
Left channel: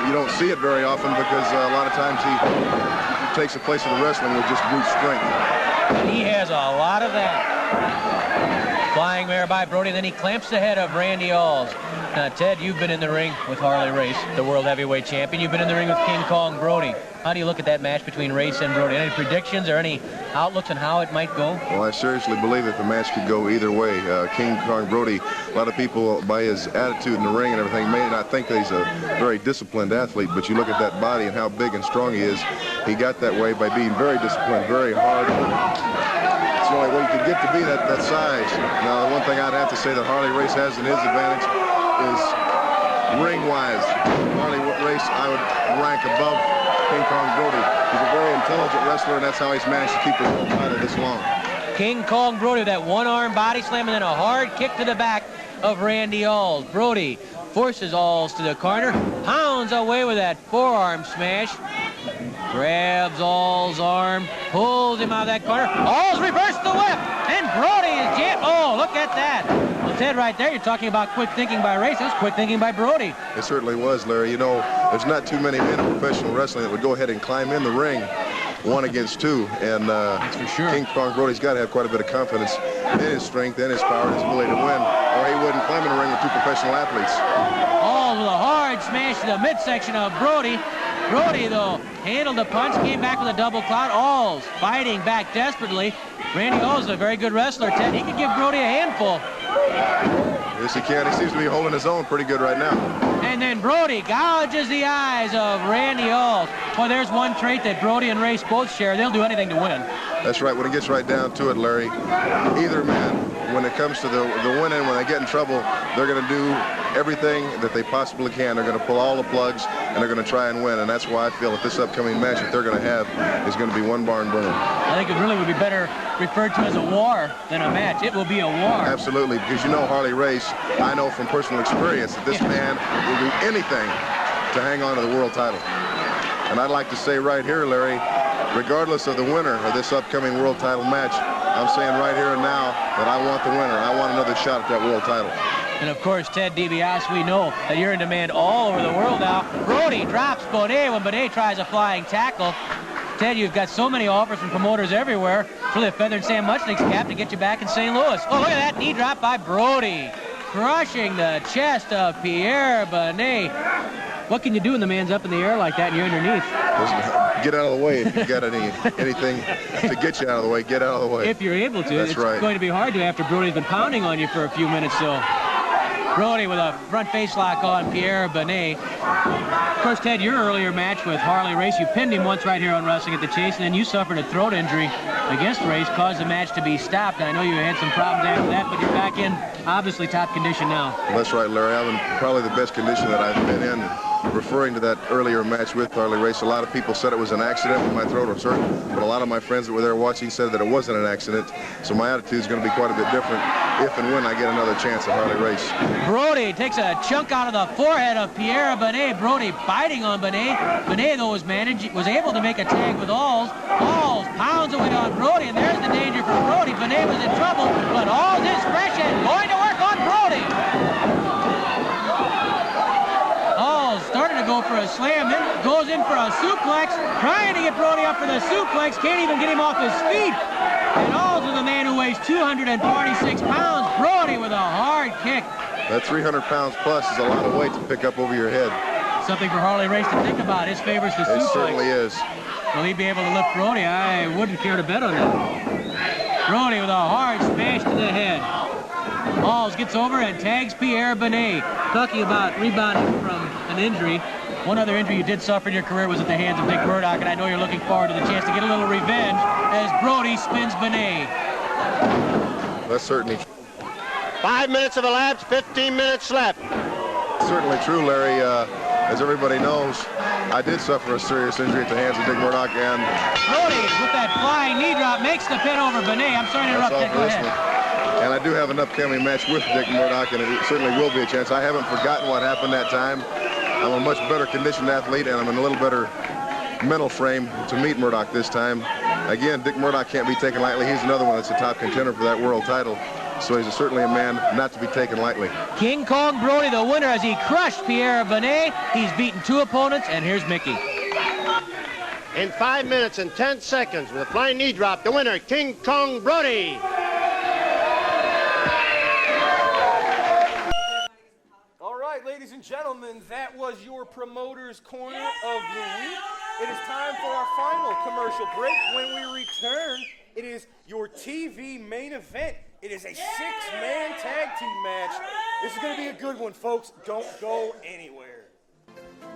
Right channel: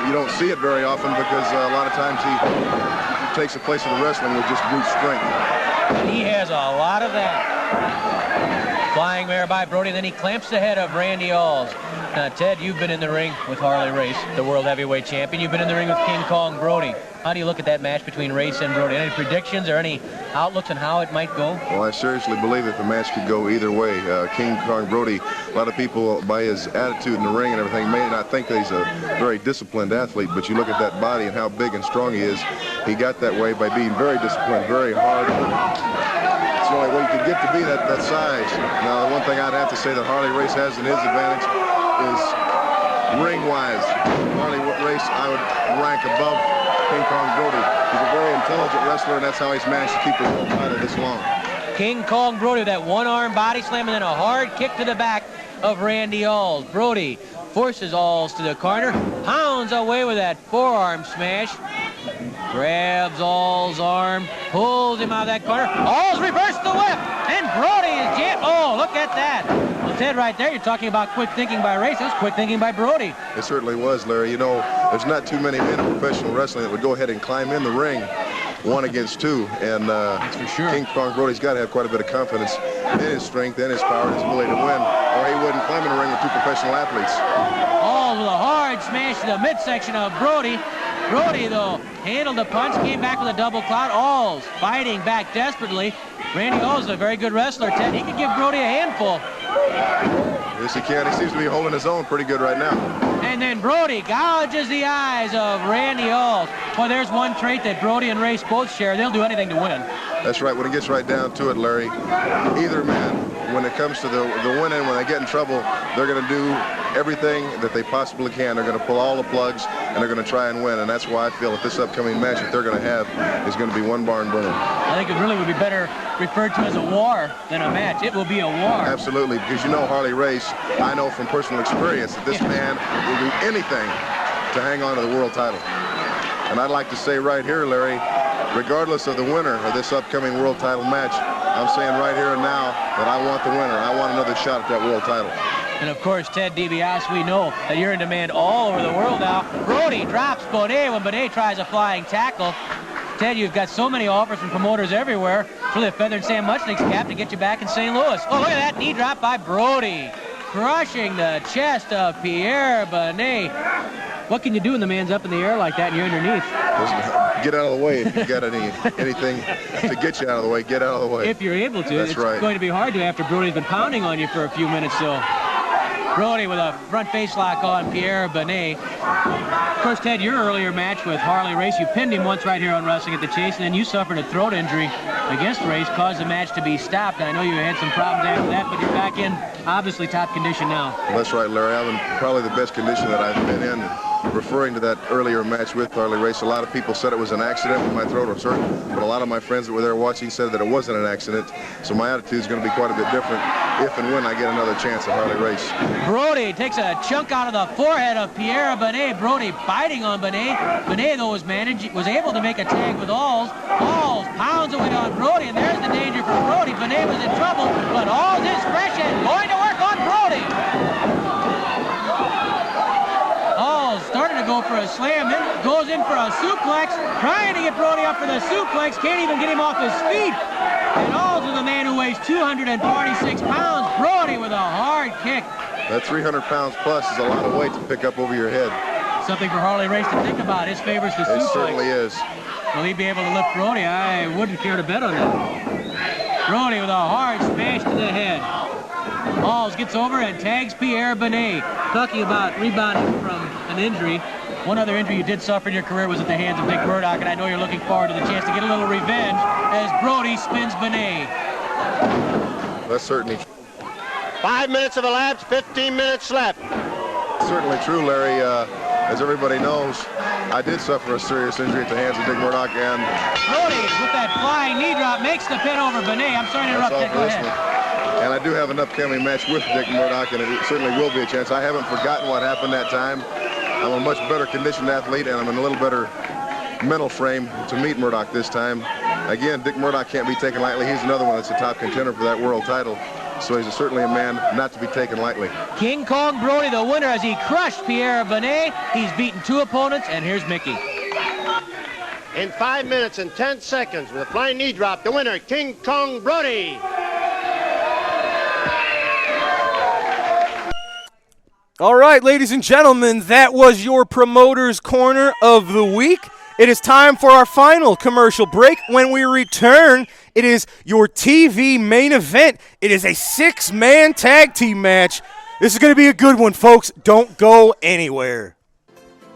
You don't see it very often because a lot of times he takes the place of the wrestling with just brute strength. He has a lot of that. Flying mare by Brody, then he clamps the head of Randy Alls. Now, Ted, you've been in the ring with Harley Race, the World Heavyweight Champion. You've been in the ring with King Kong Brody. How do you look at that match between Race and Brody? Any predictions or any outlooks on how it might go? Well, I seriously believe that the match could go either way. King Kong Brody, a lot of people, by his attitude in the ring and everything, may not think that he's a very disciplined athlete, but you look at that body and how big and strong he is. He got that way by being very disciplined, very hard. It's the only way you could get to be that size. Now, the one thing I'd have to say that Harley Race has in his advantage is ring-wise. Harley Race, I would rank above King Kong Brody. He's a very intelligent wrestler, and that's how he's managed to keep his world title this long. King Kong Brody, that one-arm body slam and then a hard kick to the back of Randy Alls. Brody forces Alls to the corner, pounds away with that forearm smash. grabs All's arm, pulls him out of that corner. All's reversed the whip, and Brody is jammed. Oh, look at that. Well, Ted, right there, you're talking about quick thinking by Race. That was quick thinking by Brody. It certainly was, Larry. You know, there's not too many men in professional wrestling that would go ahead and climb in the ring 1 against 2, and that's for sure. King Kong Brody's got to have quite a bit of confidence in his strength and his power and his ability to win, or he wouldn't climb in the ring with 2 professional athletes. All with a hard smash to the midsection of Brody. Brody, though, handled the punch, came back with a double clout. All's fighting back desperately. Randy All's is a very good wrestler, Ted. He could give Brody a handful. Yes, he can. He seems to be holding his own pretty good right now. And then Brody gouges the eyes of Randy All's. Well, there's one trait that Brody and Race both share. They'll do anything to win. That's right. When it gets right down to it, Larry, either man, when it comes to the winning, when they get in trouble, they're going to do everything that they possibly can. They're going to pull all the plugs, and they're going to try and win. And that's why I feel that this upcoming match that they're going to have is going to be one barn burner. I think it really would be better referred to as a war than a match. It will be a war. Absolutely, because you know Harley Race, I know from personal experience that this man will do anything to hang on to the world title. And I'd like to say right here, Larry, regardless of the winner of this upcoming world title match, I'm saying right here and now that I want the winner. I want another shot at that world title. And of course, Ted DiBiase, we know that you're in demand all over the world now. Brody drops Bonet when Bonet tries a flying tackle. Ted, you've got so many offers from promoters everywhere. It's really a feather in Sam Muchnick's cap to get you back in St. Louis. Oh, look at that knee drop by Brody. Crushing the chest of Pierre Bonet. What can you do when the man's up in the air like that and you're underneath? Get out of the way if you've got anything to get you out of the way. Get out of the way. If you're able to. That's it's right. going to be hard to after Brody's been pounding on you for a few minutes. So Brody with a front face lock on Pierre Bonet. Of course, Ted, your earlier match with Harley Race, you pinned him once right here on Wrestling at the Chase, and then you suffered a throat injury against Race, caused the match to be stopped. I know you had some problems after that, but you're back in obviously top condition now. Well, that's right, Larry. I'm in probably the best condition that I've been in. Referring to that earlier match with Harley Race, a lot of people said it was an accident with my throat was hurt, but a lot of my friends that were there watching said that it wasn't an accident. So my attitude is going to be quite a bit different if and when I get another chance at Harley Race. Brody takes a chunk out of the forehead of Pierre Bonet. Brody biting on Bonet. Bonet, though, was able to make a tag with Alls. Alls pounds away on Brody, and there's the danger for Brody. Bonet was in trouble, but Alls is fresh and going to work on Brody. Alls started to go for a slam, then goes in for a suplex, trying to get Brody up for the suplex, can't even get him off his feet. And Alls is a man who weighs 246 pounds. Brody with a hard kick. That 300 pounds plus is a lot of weight to pick up over your head. Something for Harley Race to think about. His favors the suplex. It certainly is. Will he be able to lift Brody? I wouldn't care to bet on that. Brody with a hard smash to the head. Alls gets over and tags Pierre Bonet. Talking about rebounding from an injury. One other injury you did suffer in your career was at the hands of Dick Murdoch, and I know you're looking forward to the chance to get a little revenge as Brody spins Bonet. That's certainly 5 minutes have elapsed, 15 minutes left. certainly true, Larry. As everybody knows, I did suffer a serious injury at the hands of Dick Murdoch, and Brody with that flying knee drop makes the pin over Bonet. I'm sorry to interrupt that. Go ahead. And I do have an upcoming match with Dick Murdoch, and it certainly will be a chance. I haven't forgotten what happened that time. I'm a much better conditioned athlete, and I'm in a little better mental frame to meet Murdoch this time. Again, Dick Murdoch can't be taken lightly. He's another one that's a top contender for that world title. So he's certainly a man not to be taken lightly. King Kong Brody, the winner, as he crushed Pierre Bonet. He's beaten 2 opponents, and here's Mickey. In 5 minutes and 10 seconds, with a flying knee drop, the winner, King Kong Brody. All right, ladies and gentlemen, that was your Promoter's Corner of the week. It is time for our final commercial break. When we return, it is your TV main event. It is a 6-man tag team match. This is going to be a good one, folks. Don't go anywhere.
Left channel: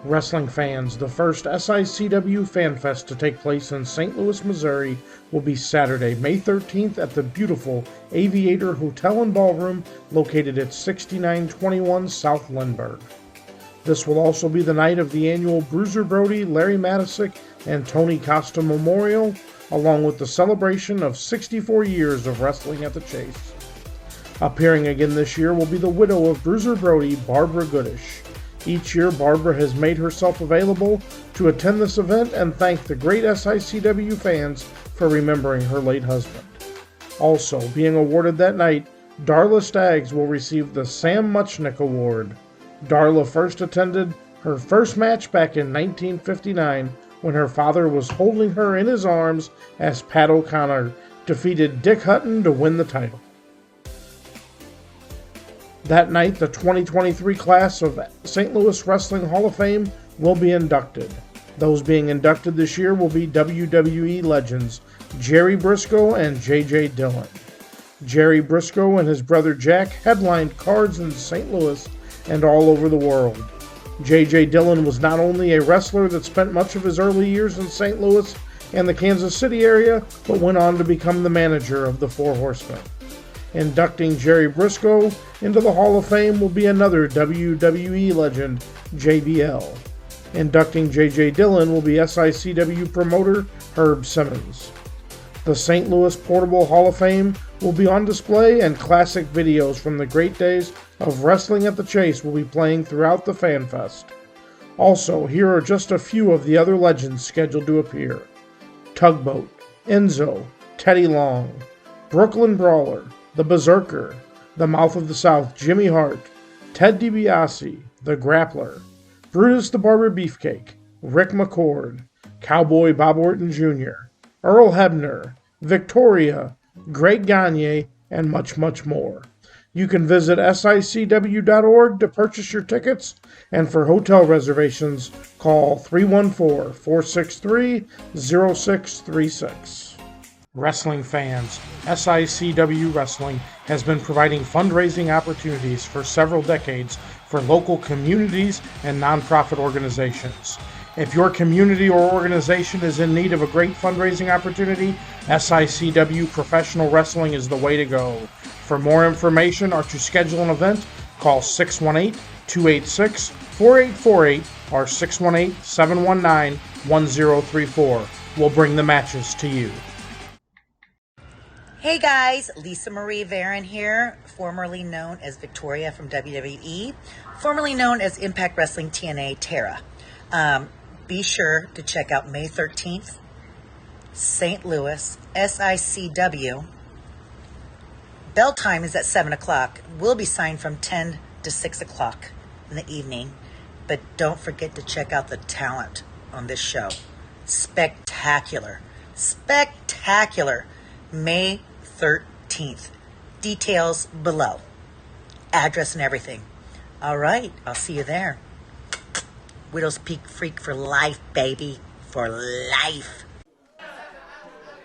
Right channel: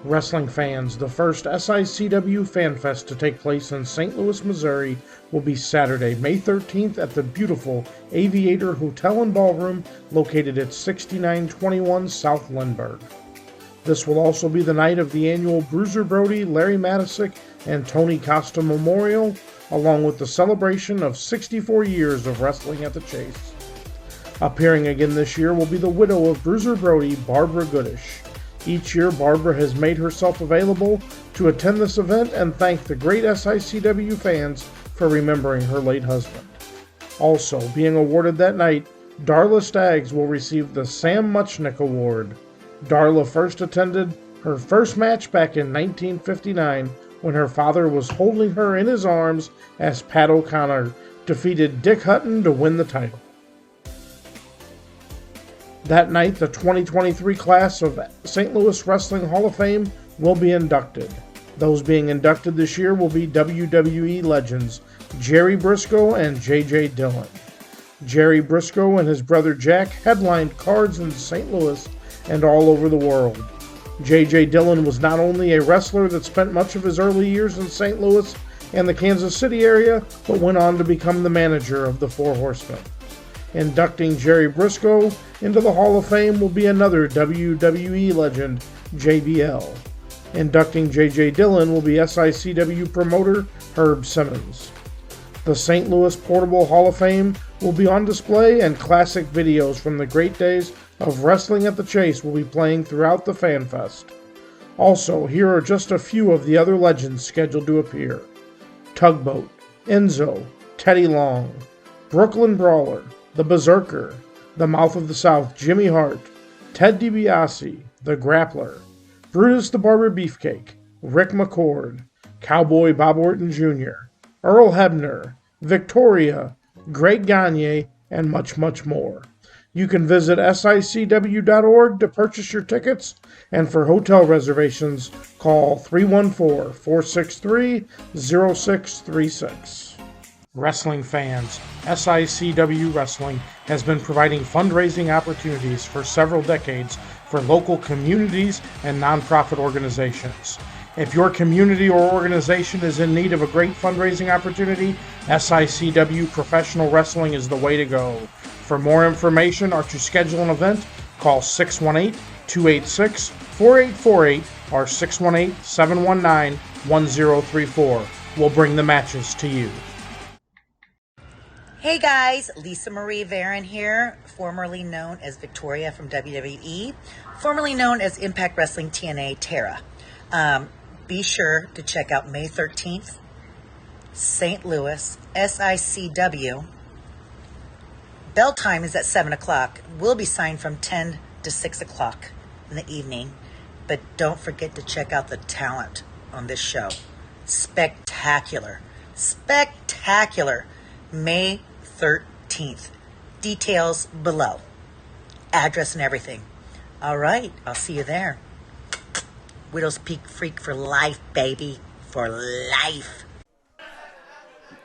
Wrestling fans, the first SICW Fan Fest to take place in St. Louis, Missouri will be Saturday, May 13th at the beautiful Aviator Hotel and Ballroom located at 6921 South Lindbergh. This will also be the night of the annual Bruiser Brody, Larry Matisick, and Tony Costa Memorial, along with the celebration of 64 years of wrestling at the Chase. Appearing again this year will be the widow of Bruiser Brody, Barbara Goodish. Each year, Barbara has made herself available to attend this event and thank the great SICW fans for remembering her late husband. Also, being awarded that night, Darla Staggs will receive the Sam Muchnick Award. Darla first attended her first match back in 1959 when her father was holding her in his arms as Pat O'Connor defeated Dick Hutton to win the title. That night, the 2023 class of St. Louis Wrestling Hall of Fame will be inducted. Those being inducted this year will be WWE legends Jerry Briscoe and J.J. Dillon. Jerry Briscoe and his brother Jack headlined cards in St. Louis and all over the world. J.J. Dillon was not only a wrestler that spent much of his early years in St. Louis and the Kansas City area, but went on to become the manager of the Four Horsemen. Inducting Jerry Briscoe into the Hall of Fame will be another WWE legend, JBL. Inducting J.J. Dillon will be SICW promoter Herb Simmons. The St. Louis Portable Hall of Fame will be on display, and classic videos from the great days of wrestling at the Chase will be playing throughout the Fan Fest. Also, here are just a few of the other legends scheduled to appear: Tugboat, Enzo, Teddy Long, Brooklyn Brawler, The Berserker, The Mouth of the South, Jimmy Hart, Ted DiBiase, The Grappler, Brutus the Barber Beefcake, Rick McCord, Cowboy Bob Orton Jr., Earl Hebner, Victoria, Greg Gagne, and much, much more. You can visit SICW.org to purchase your tickets, and for hotel reservations, call 314-463-0636. Wrestling fans, SICW Wrestling has been providing fundraising opportunities for several decades for local communities and nonprofit organizations. If your community or organization is in need of a great fundraising opportunity, SICW Professional Wrestling is the way to go. For more information or to schedule an event, call 618-286-4848 or 618-719-1034. We'll bring the matches to you. Hey guys, Lisa Marie Varon here, formerly known as Victoria from WWE, formerly known as Impact Wrestling TNA Tara. Be sure to check out May 13th, St. Louis, SICW. Bell time is at 7 o'clock. We'll be signed from 10 to 6 o'clock in the evening. But don't forget to check out the talent on this show. Spectacular. Spectacular. May 13th. Details below. Address and everything. All right, I'll see you there. Widow's Peak Freak for life, baby. For life.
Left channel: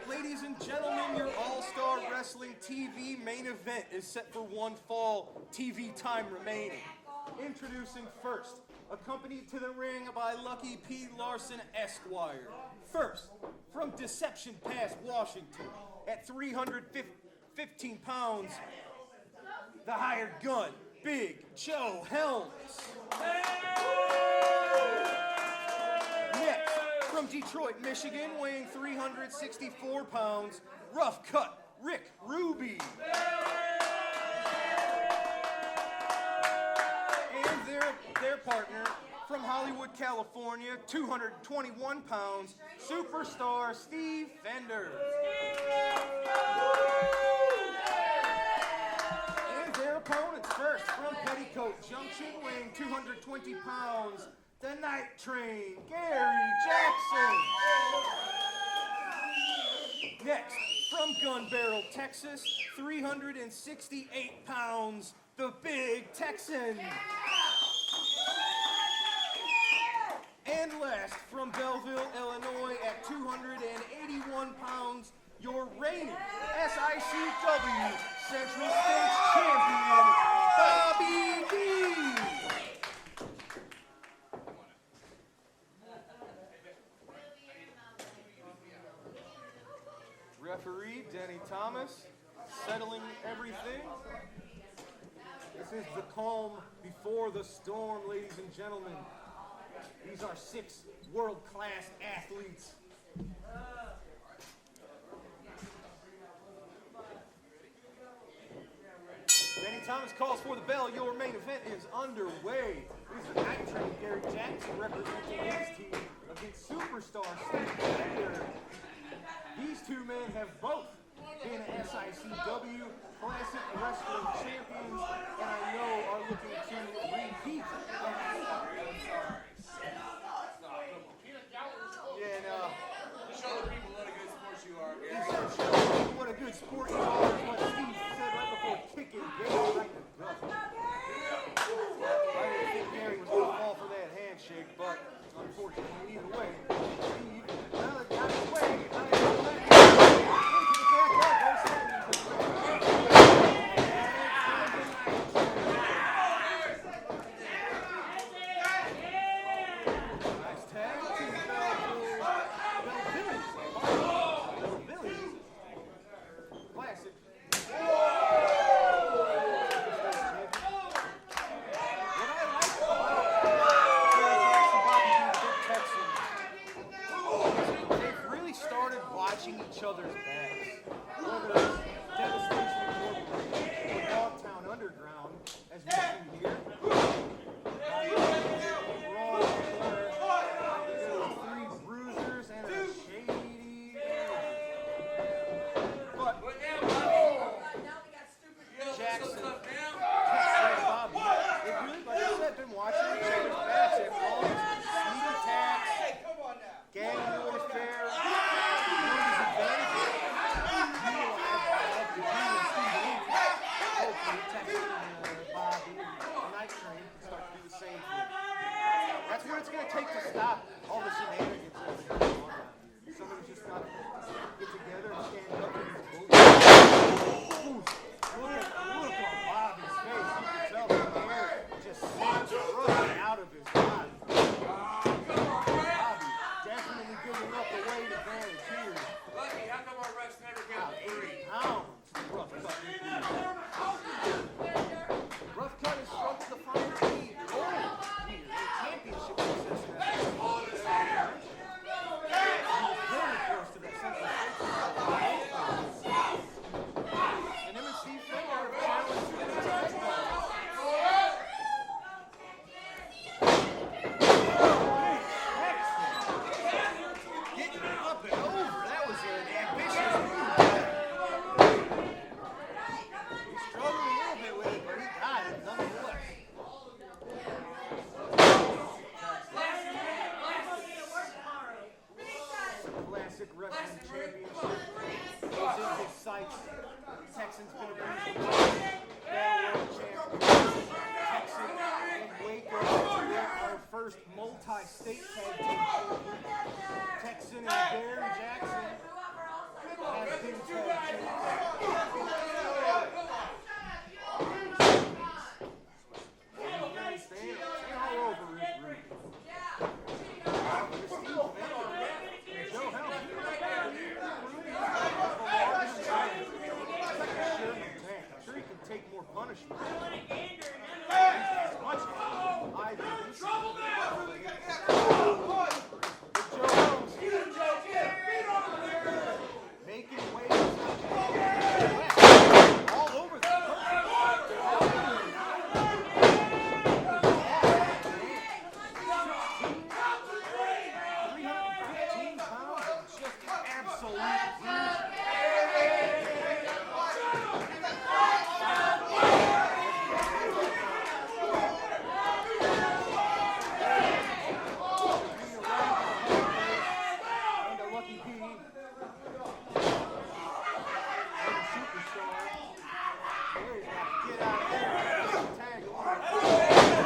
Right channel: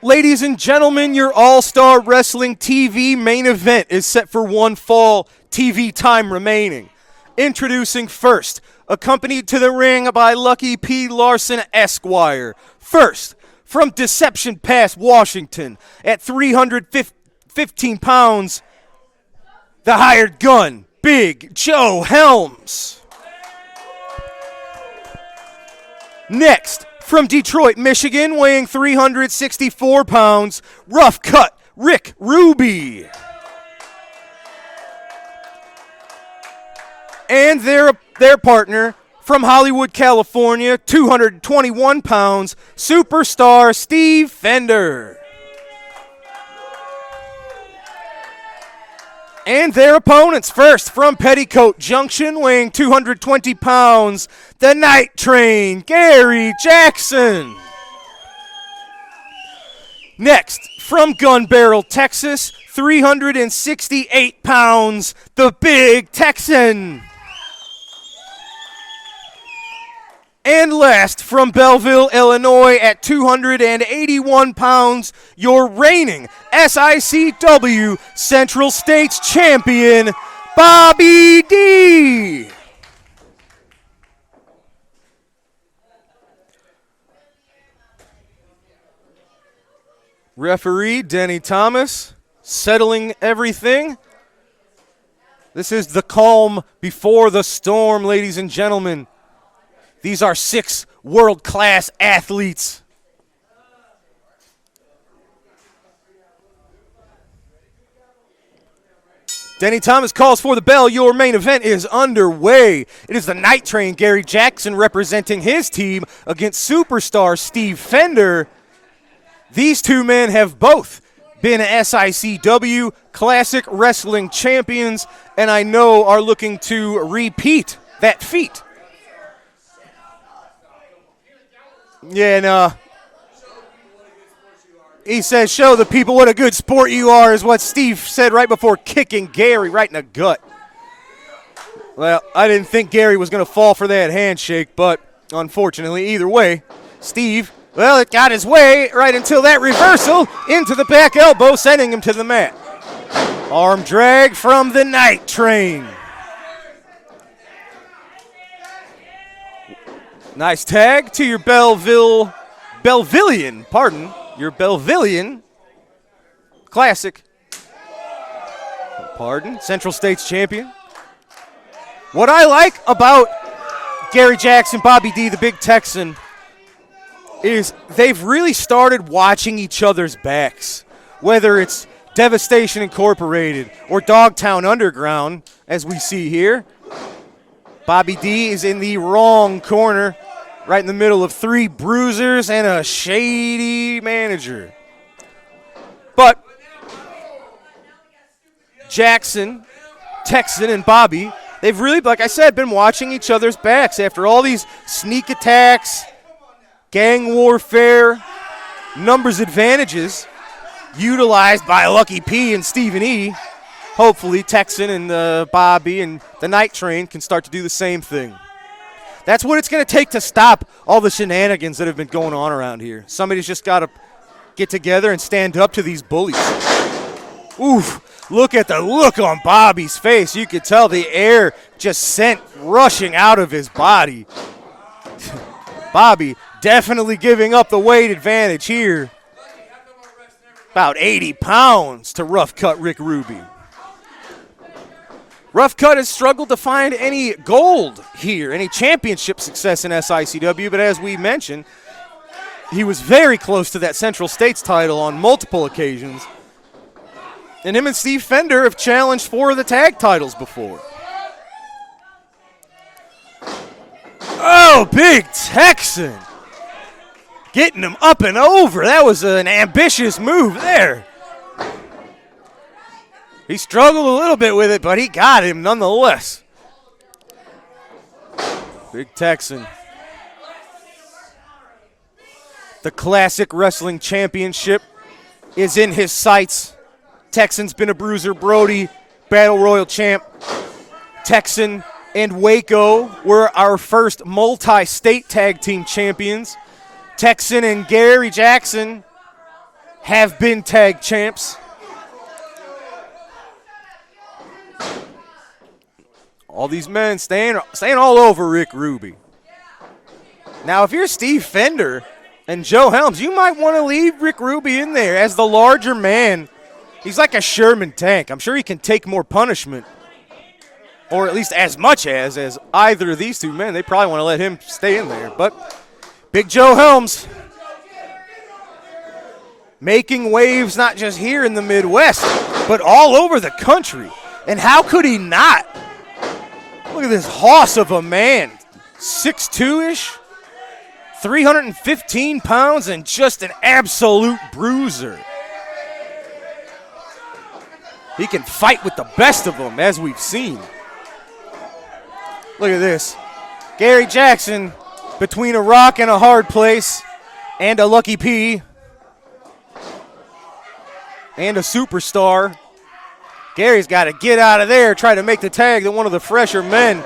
Ladies and gentlemen, your All-Star Wrestling TV main event is set for one fall TV time remaining. Introducing first, accompanied to the ring by Lucky P. Larson Esquire. First, from Deception Pass, Washington, at 315 pounds, the hired gun, Big Joe Helms. Next, from Detroit, Michigan, weighing 364 pounds, rough cut, Rick Ruby. And their partner, from Hollywood, California, 221 pounds, superstar Steve Fender. And their opponents, first from Petticoat Junction, weighing 220 pounds, the Night Train, Gary Jackson. Next, from Gun Barrel, Texas, 368 pounds, the Big Texan. And last, from Belleville, Illinois, at 281 pounds, your reigning SICW Central States Champion, Bobby D. Referee Denny Thomas settling everything. This is the calm before the storm, ladies and gentlemen. These are 6 world-class athletes. Denny Thomas calls for the bell. Your main event is underway. It is the Night Train, Gary Jackson, representing his team against superstar Steve Fender. These two men have both been SICW Classic Wrestling champions, and I know are looking to repeat that feat. Yeah, and he says, show the people what a good sport you are, is what Steve said right before kicking Gary right in the gut. Well, I didn't think Gary was going to fall for that handshake, but unfortunately, either way, Steve, well, it got his way right until that reversal into the back elbow, sending him to the mat. Arm drag from the Night Train. Nice tag to your Belvillian Classic. Central States champion. What I like about Gary Jackson, Bobby D, the Big Texan, is they've really started watching each other's backs. Whether it's Devastation Incorporated or Dogtown Underground, as we see here. Bobby D is in the wrong corner, right in the middle of three bruisers and a shady manager. But Jackson, Texan, and Bobby, they've really, like I said, been watching each other's backs after all these sneak attacks, gang warfare, numbers advantages utilized by Lucky P and Stephen E. Hopefully Texan and Bobby and the Night Train can start to do the same thing. That's what it's going to take to stop all the shenanigans that have been going on around here. Somebody's just got to get together and stand up to these bullies. Oof, look at the look on Bobby's face. You could tell the air just sent rushing out of his body. Bobby definitely giving up the weight advantage here. About 80 pounds to Rough Cut Rick Ruby. Rough Cut has struggled to find any gold here, any championship success in SICW, but as we mentioned, he was very close to that Central States title on multiple occasions. And him and Steve Fender have challenged for the tag titles before. Oh, Big Texan. Getting him up and over. That was an ambitious move there. He struggled a little bit with it, but he got him nonetheless. Big Texan. The Classic Wrestling Championship is in his sights. Texan's been a bruiser. Brody, Battle Royal champ. Texan and Waco were our first multi-state tag team champions. Texan and Gary Jackson have been tag champs. All these men staying all over Rick Ruby. Now, if you're Steve Fender and Joe Helms, you might want to leave Rick Ruby in there as the larger man. He's like a Sherman tank. I'm sure he can take more punishment, or at least as much as either of these two men. They probably want to let him stay in there. But Big Joe Helms making waves not just here in the Midwest, but all over the country. And how could he not? Look at this hoss of a man, 6'2"-ish, 315 pounds, and just an absolute bruiser. He can fight with the best of them, as we've seen. Look at this. Gary Jackson between a rock and a hard place, and a Lucky P, and a superstar. Gary's got to get out of there, try to make the tag to one of the fresher men.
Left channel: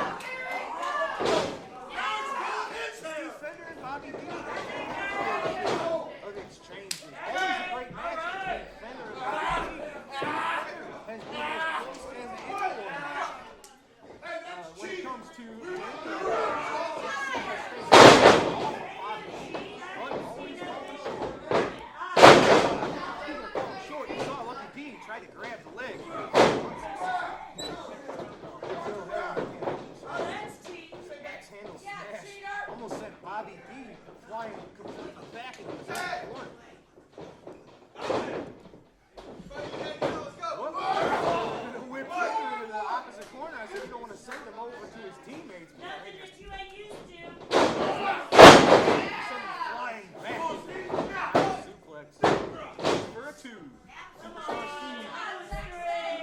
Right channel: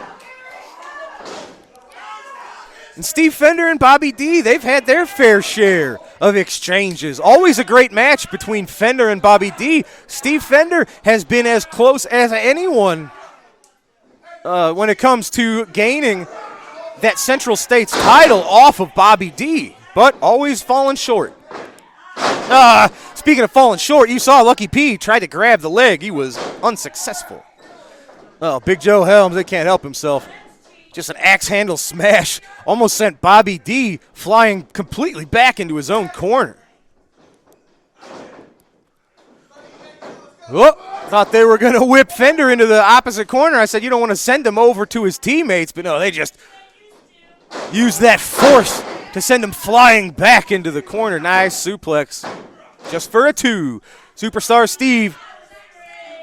And Steve Fender and Bobby D, they've had their fair share of exchanges. Always a great match between Fender and Bobby D. Steve Fender has been as close as anyone when it comes to gaining that Central States title off of Bobby D, but always falling short. Speaking of falling short, you saw Lucky P try to grab the leg. He was unsuccessful. Oh, Big Joe Helms, they can't help himself. Just an axe handle smash. Almost sent Bobby D flying completely back into his own corner. Oh, thought they were going to whip Fender into the opposite corner. I said you don't want to send him over to his teammates, but no, they just used that force to send him flying back into the corner. Nice suplex. Just for a 2. Superstar Steve,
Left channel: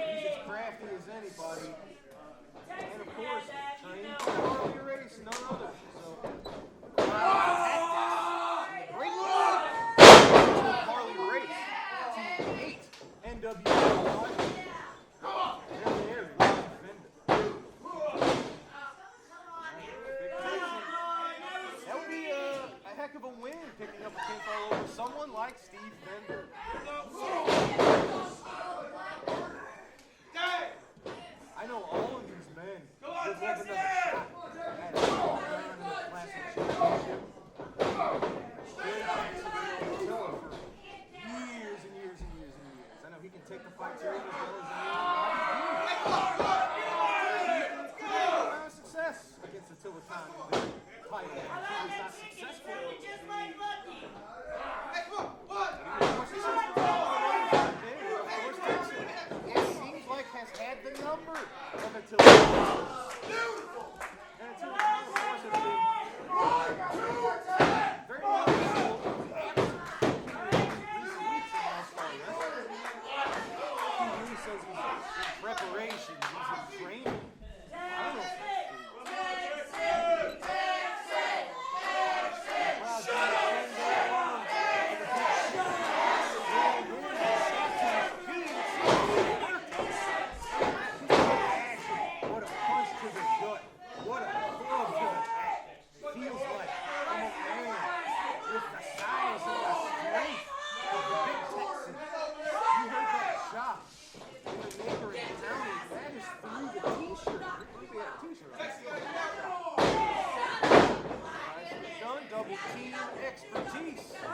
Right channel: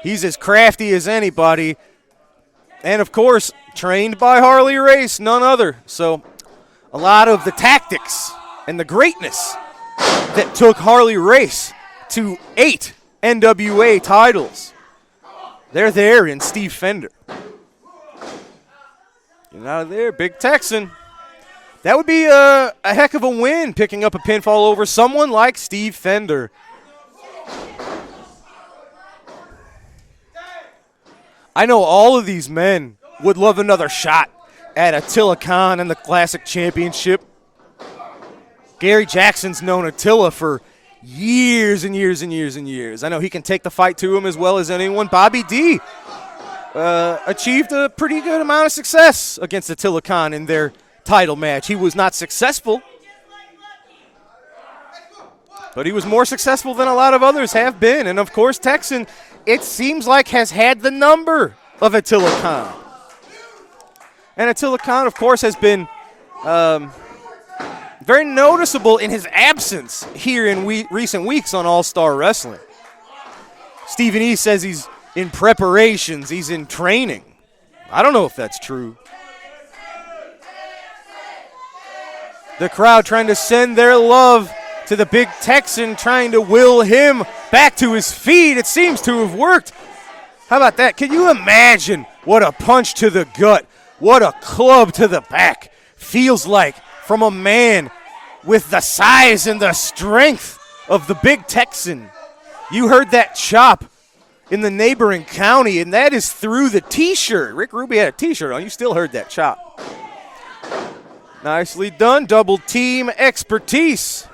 he's as crafty as anybody. And, of course, trained by Harley Race, none other. So a lot of the tactics and the greatness that took Harley Race to 8 NWA titles, they're there in Steve Fender. And out of there, Big Texan. That would be a heck of a win, picking up a pinfall over someone like Steve Fender. I know all of these men would love another shot at Attila Khan and the Classic Championship. Gary Jackson's known Attila for years and years and years and years. I know he can take the fight to him as well as anyone. Bobby D achieved a pretty good amount of success against Attila Khan in their title match. He was not successful, but he was more successful than a lot of others have been. And, of course, Texan, it seems like, has had the number of Attila Khan. And Attila Khan, of course, has been very noticeable in his absence here in recent weeks on All-Star Wrestling. Stephen E. says he's in preparations, he's in training. I don't know if that's true. The crowd trying to send their love to the Big Texan, trying to will him back to his feet. It seems to have worked. How about that? Can you imagine what a punch to the gut, what a club to the back feels like from a man with the size and the strength of the Big Texan? You heard that chop in the neighboring county, and that is through the T-shirt. Rick Ruby had a T-shirt on. You still heard that chop. Nicely done. Double team expertise.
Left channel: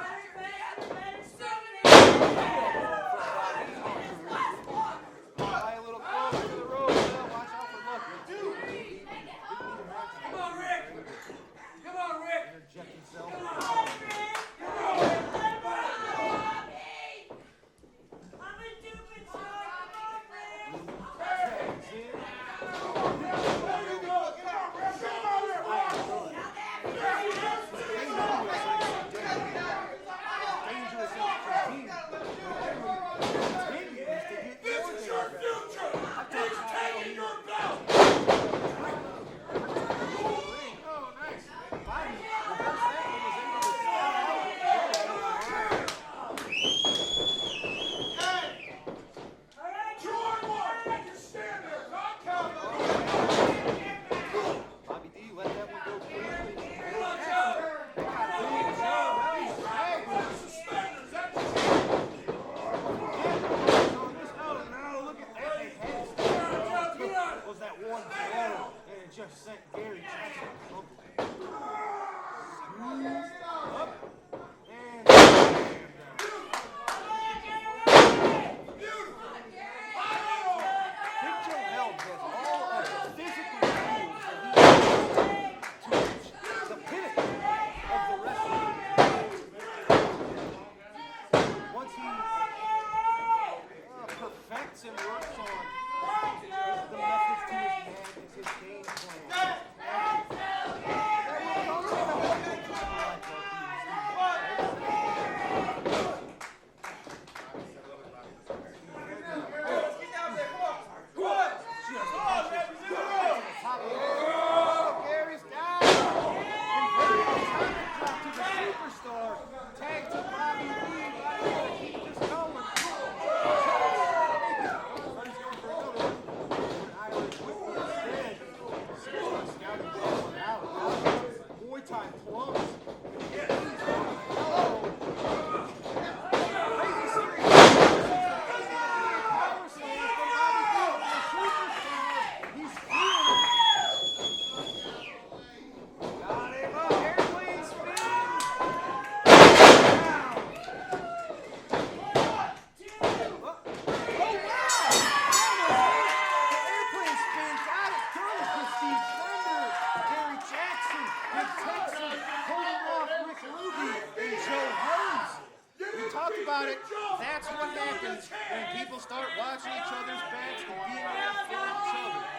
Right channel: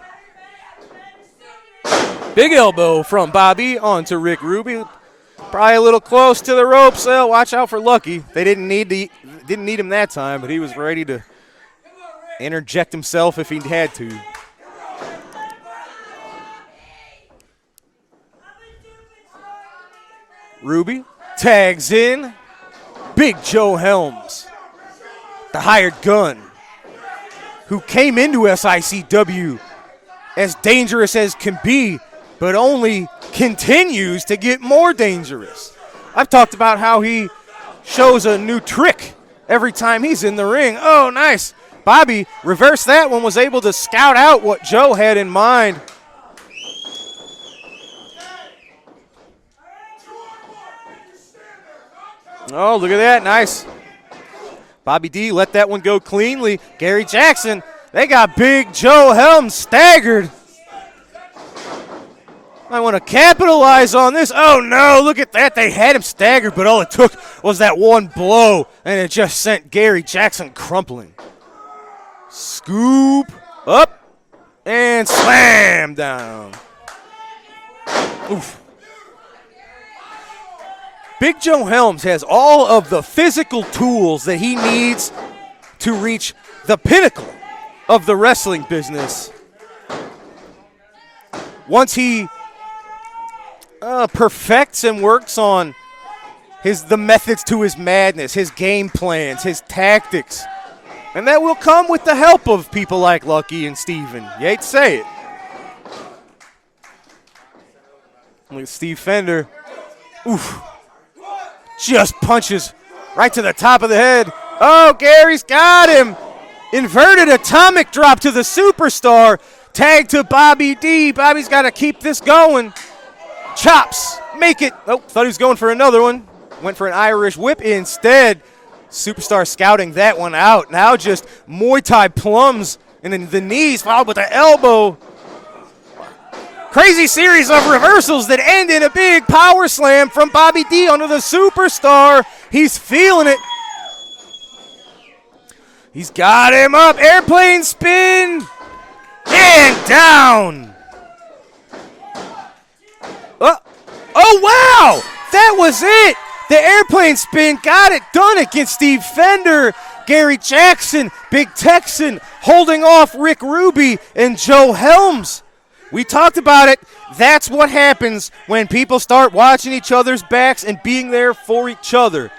Big elbow from Bobby onto Rick Ruby. Probably a little close to the ropes. Watch out for Lucky. They didn't need him that time, but he was ready to interject himself if he had to. Ruby tags in. Big Joe Helms, the hired gun, who came into SICW as dangerous as can be, but only continues to get more dangerous. I've talked about how he shows a new trick every time he's in the ring. Oh, nice. Bobby reversed that one, was able to scout out what Joe had in mind. Oh, look at that. Nice. Bobby D let that one go cleanly. Gary Jackson, they got Big Joe Helms staggered. I want to capitalize on this. Oh, no, look at that. They had him staggered, but all it took was that one blow, and it just sent Gary Jackson crumpling. Scoop up and slam down. Oof. Big Joe Helms has all of the physical tools that he needs to reach the pinnacle of the wrestling business. Once he perfects and works on the methods to his madness, his game plans, his tactics, and that will come with the help of people like Lucky and Steven. You hate to say it. Look at Steve Fender. Oof. Just punches right to the top of the head. Oh, Gary's got him. Inverted atomic drop to the superstar. Tag to Bobby D. Bobby's got to keep this going. Chops. Make it. Oh, thought he was going for another one. Went for an Irish whip instead. Superstar scouting that one out. Now just Muay Thai plums and then the knees followed with the elbow. Crazy series of reversals that end in a big power slam from Bobby D onto the superstar. He's feeling it. He's got him up. Airplane spin. And down. Oh, wow. That was it. The airplane spin got it done against Steve Fender. Gary Jackson, Big Texan, holding off Rick Ruby and Joe Helms. We talked about it. That's what happens when people start watching each other's backs and being there for each other.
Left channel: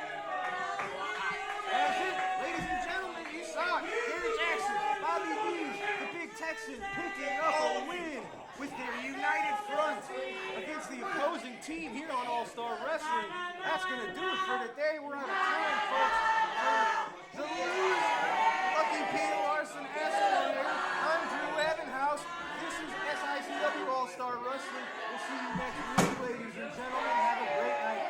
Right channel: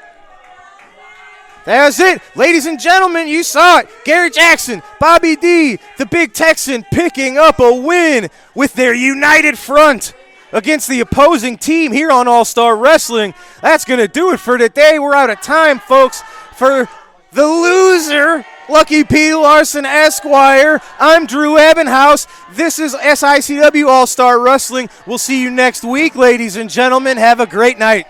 That's it. Ladies and gentlemen, you saw it. Gary Jackson, Bobby D, the Big Texan picking up a win with their united front against the opposing team here on All-Star Wrestling. That's going to do it for today. We're out of time, folks. For the loser, Lucky P. Larson Esquire, I'm Drew Ebenhouse. This is SICW All-Star Wrestling. We'll see you next week, ladies and gentlemen. Have a great night.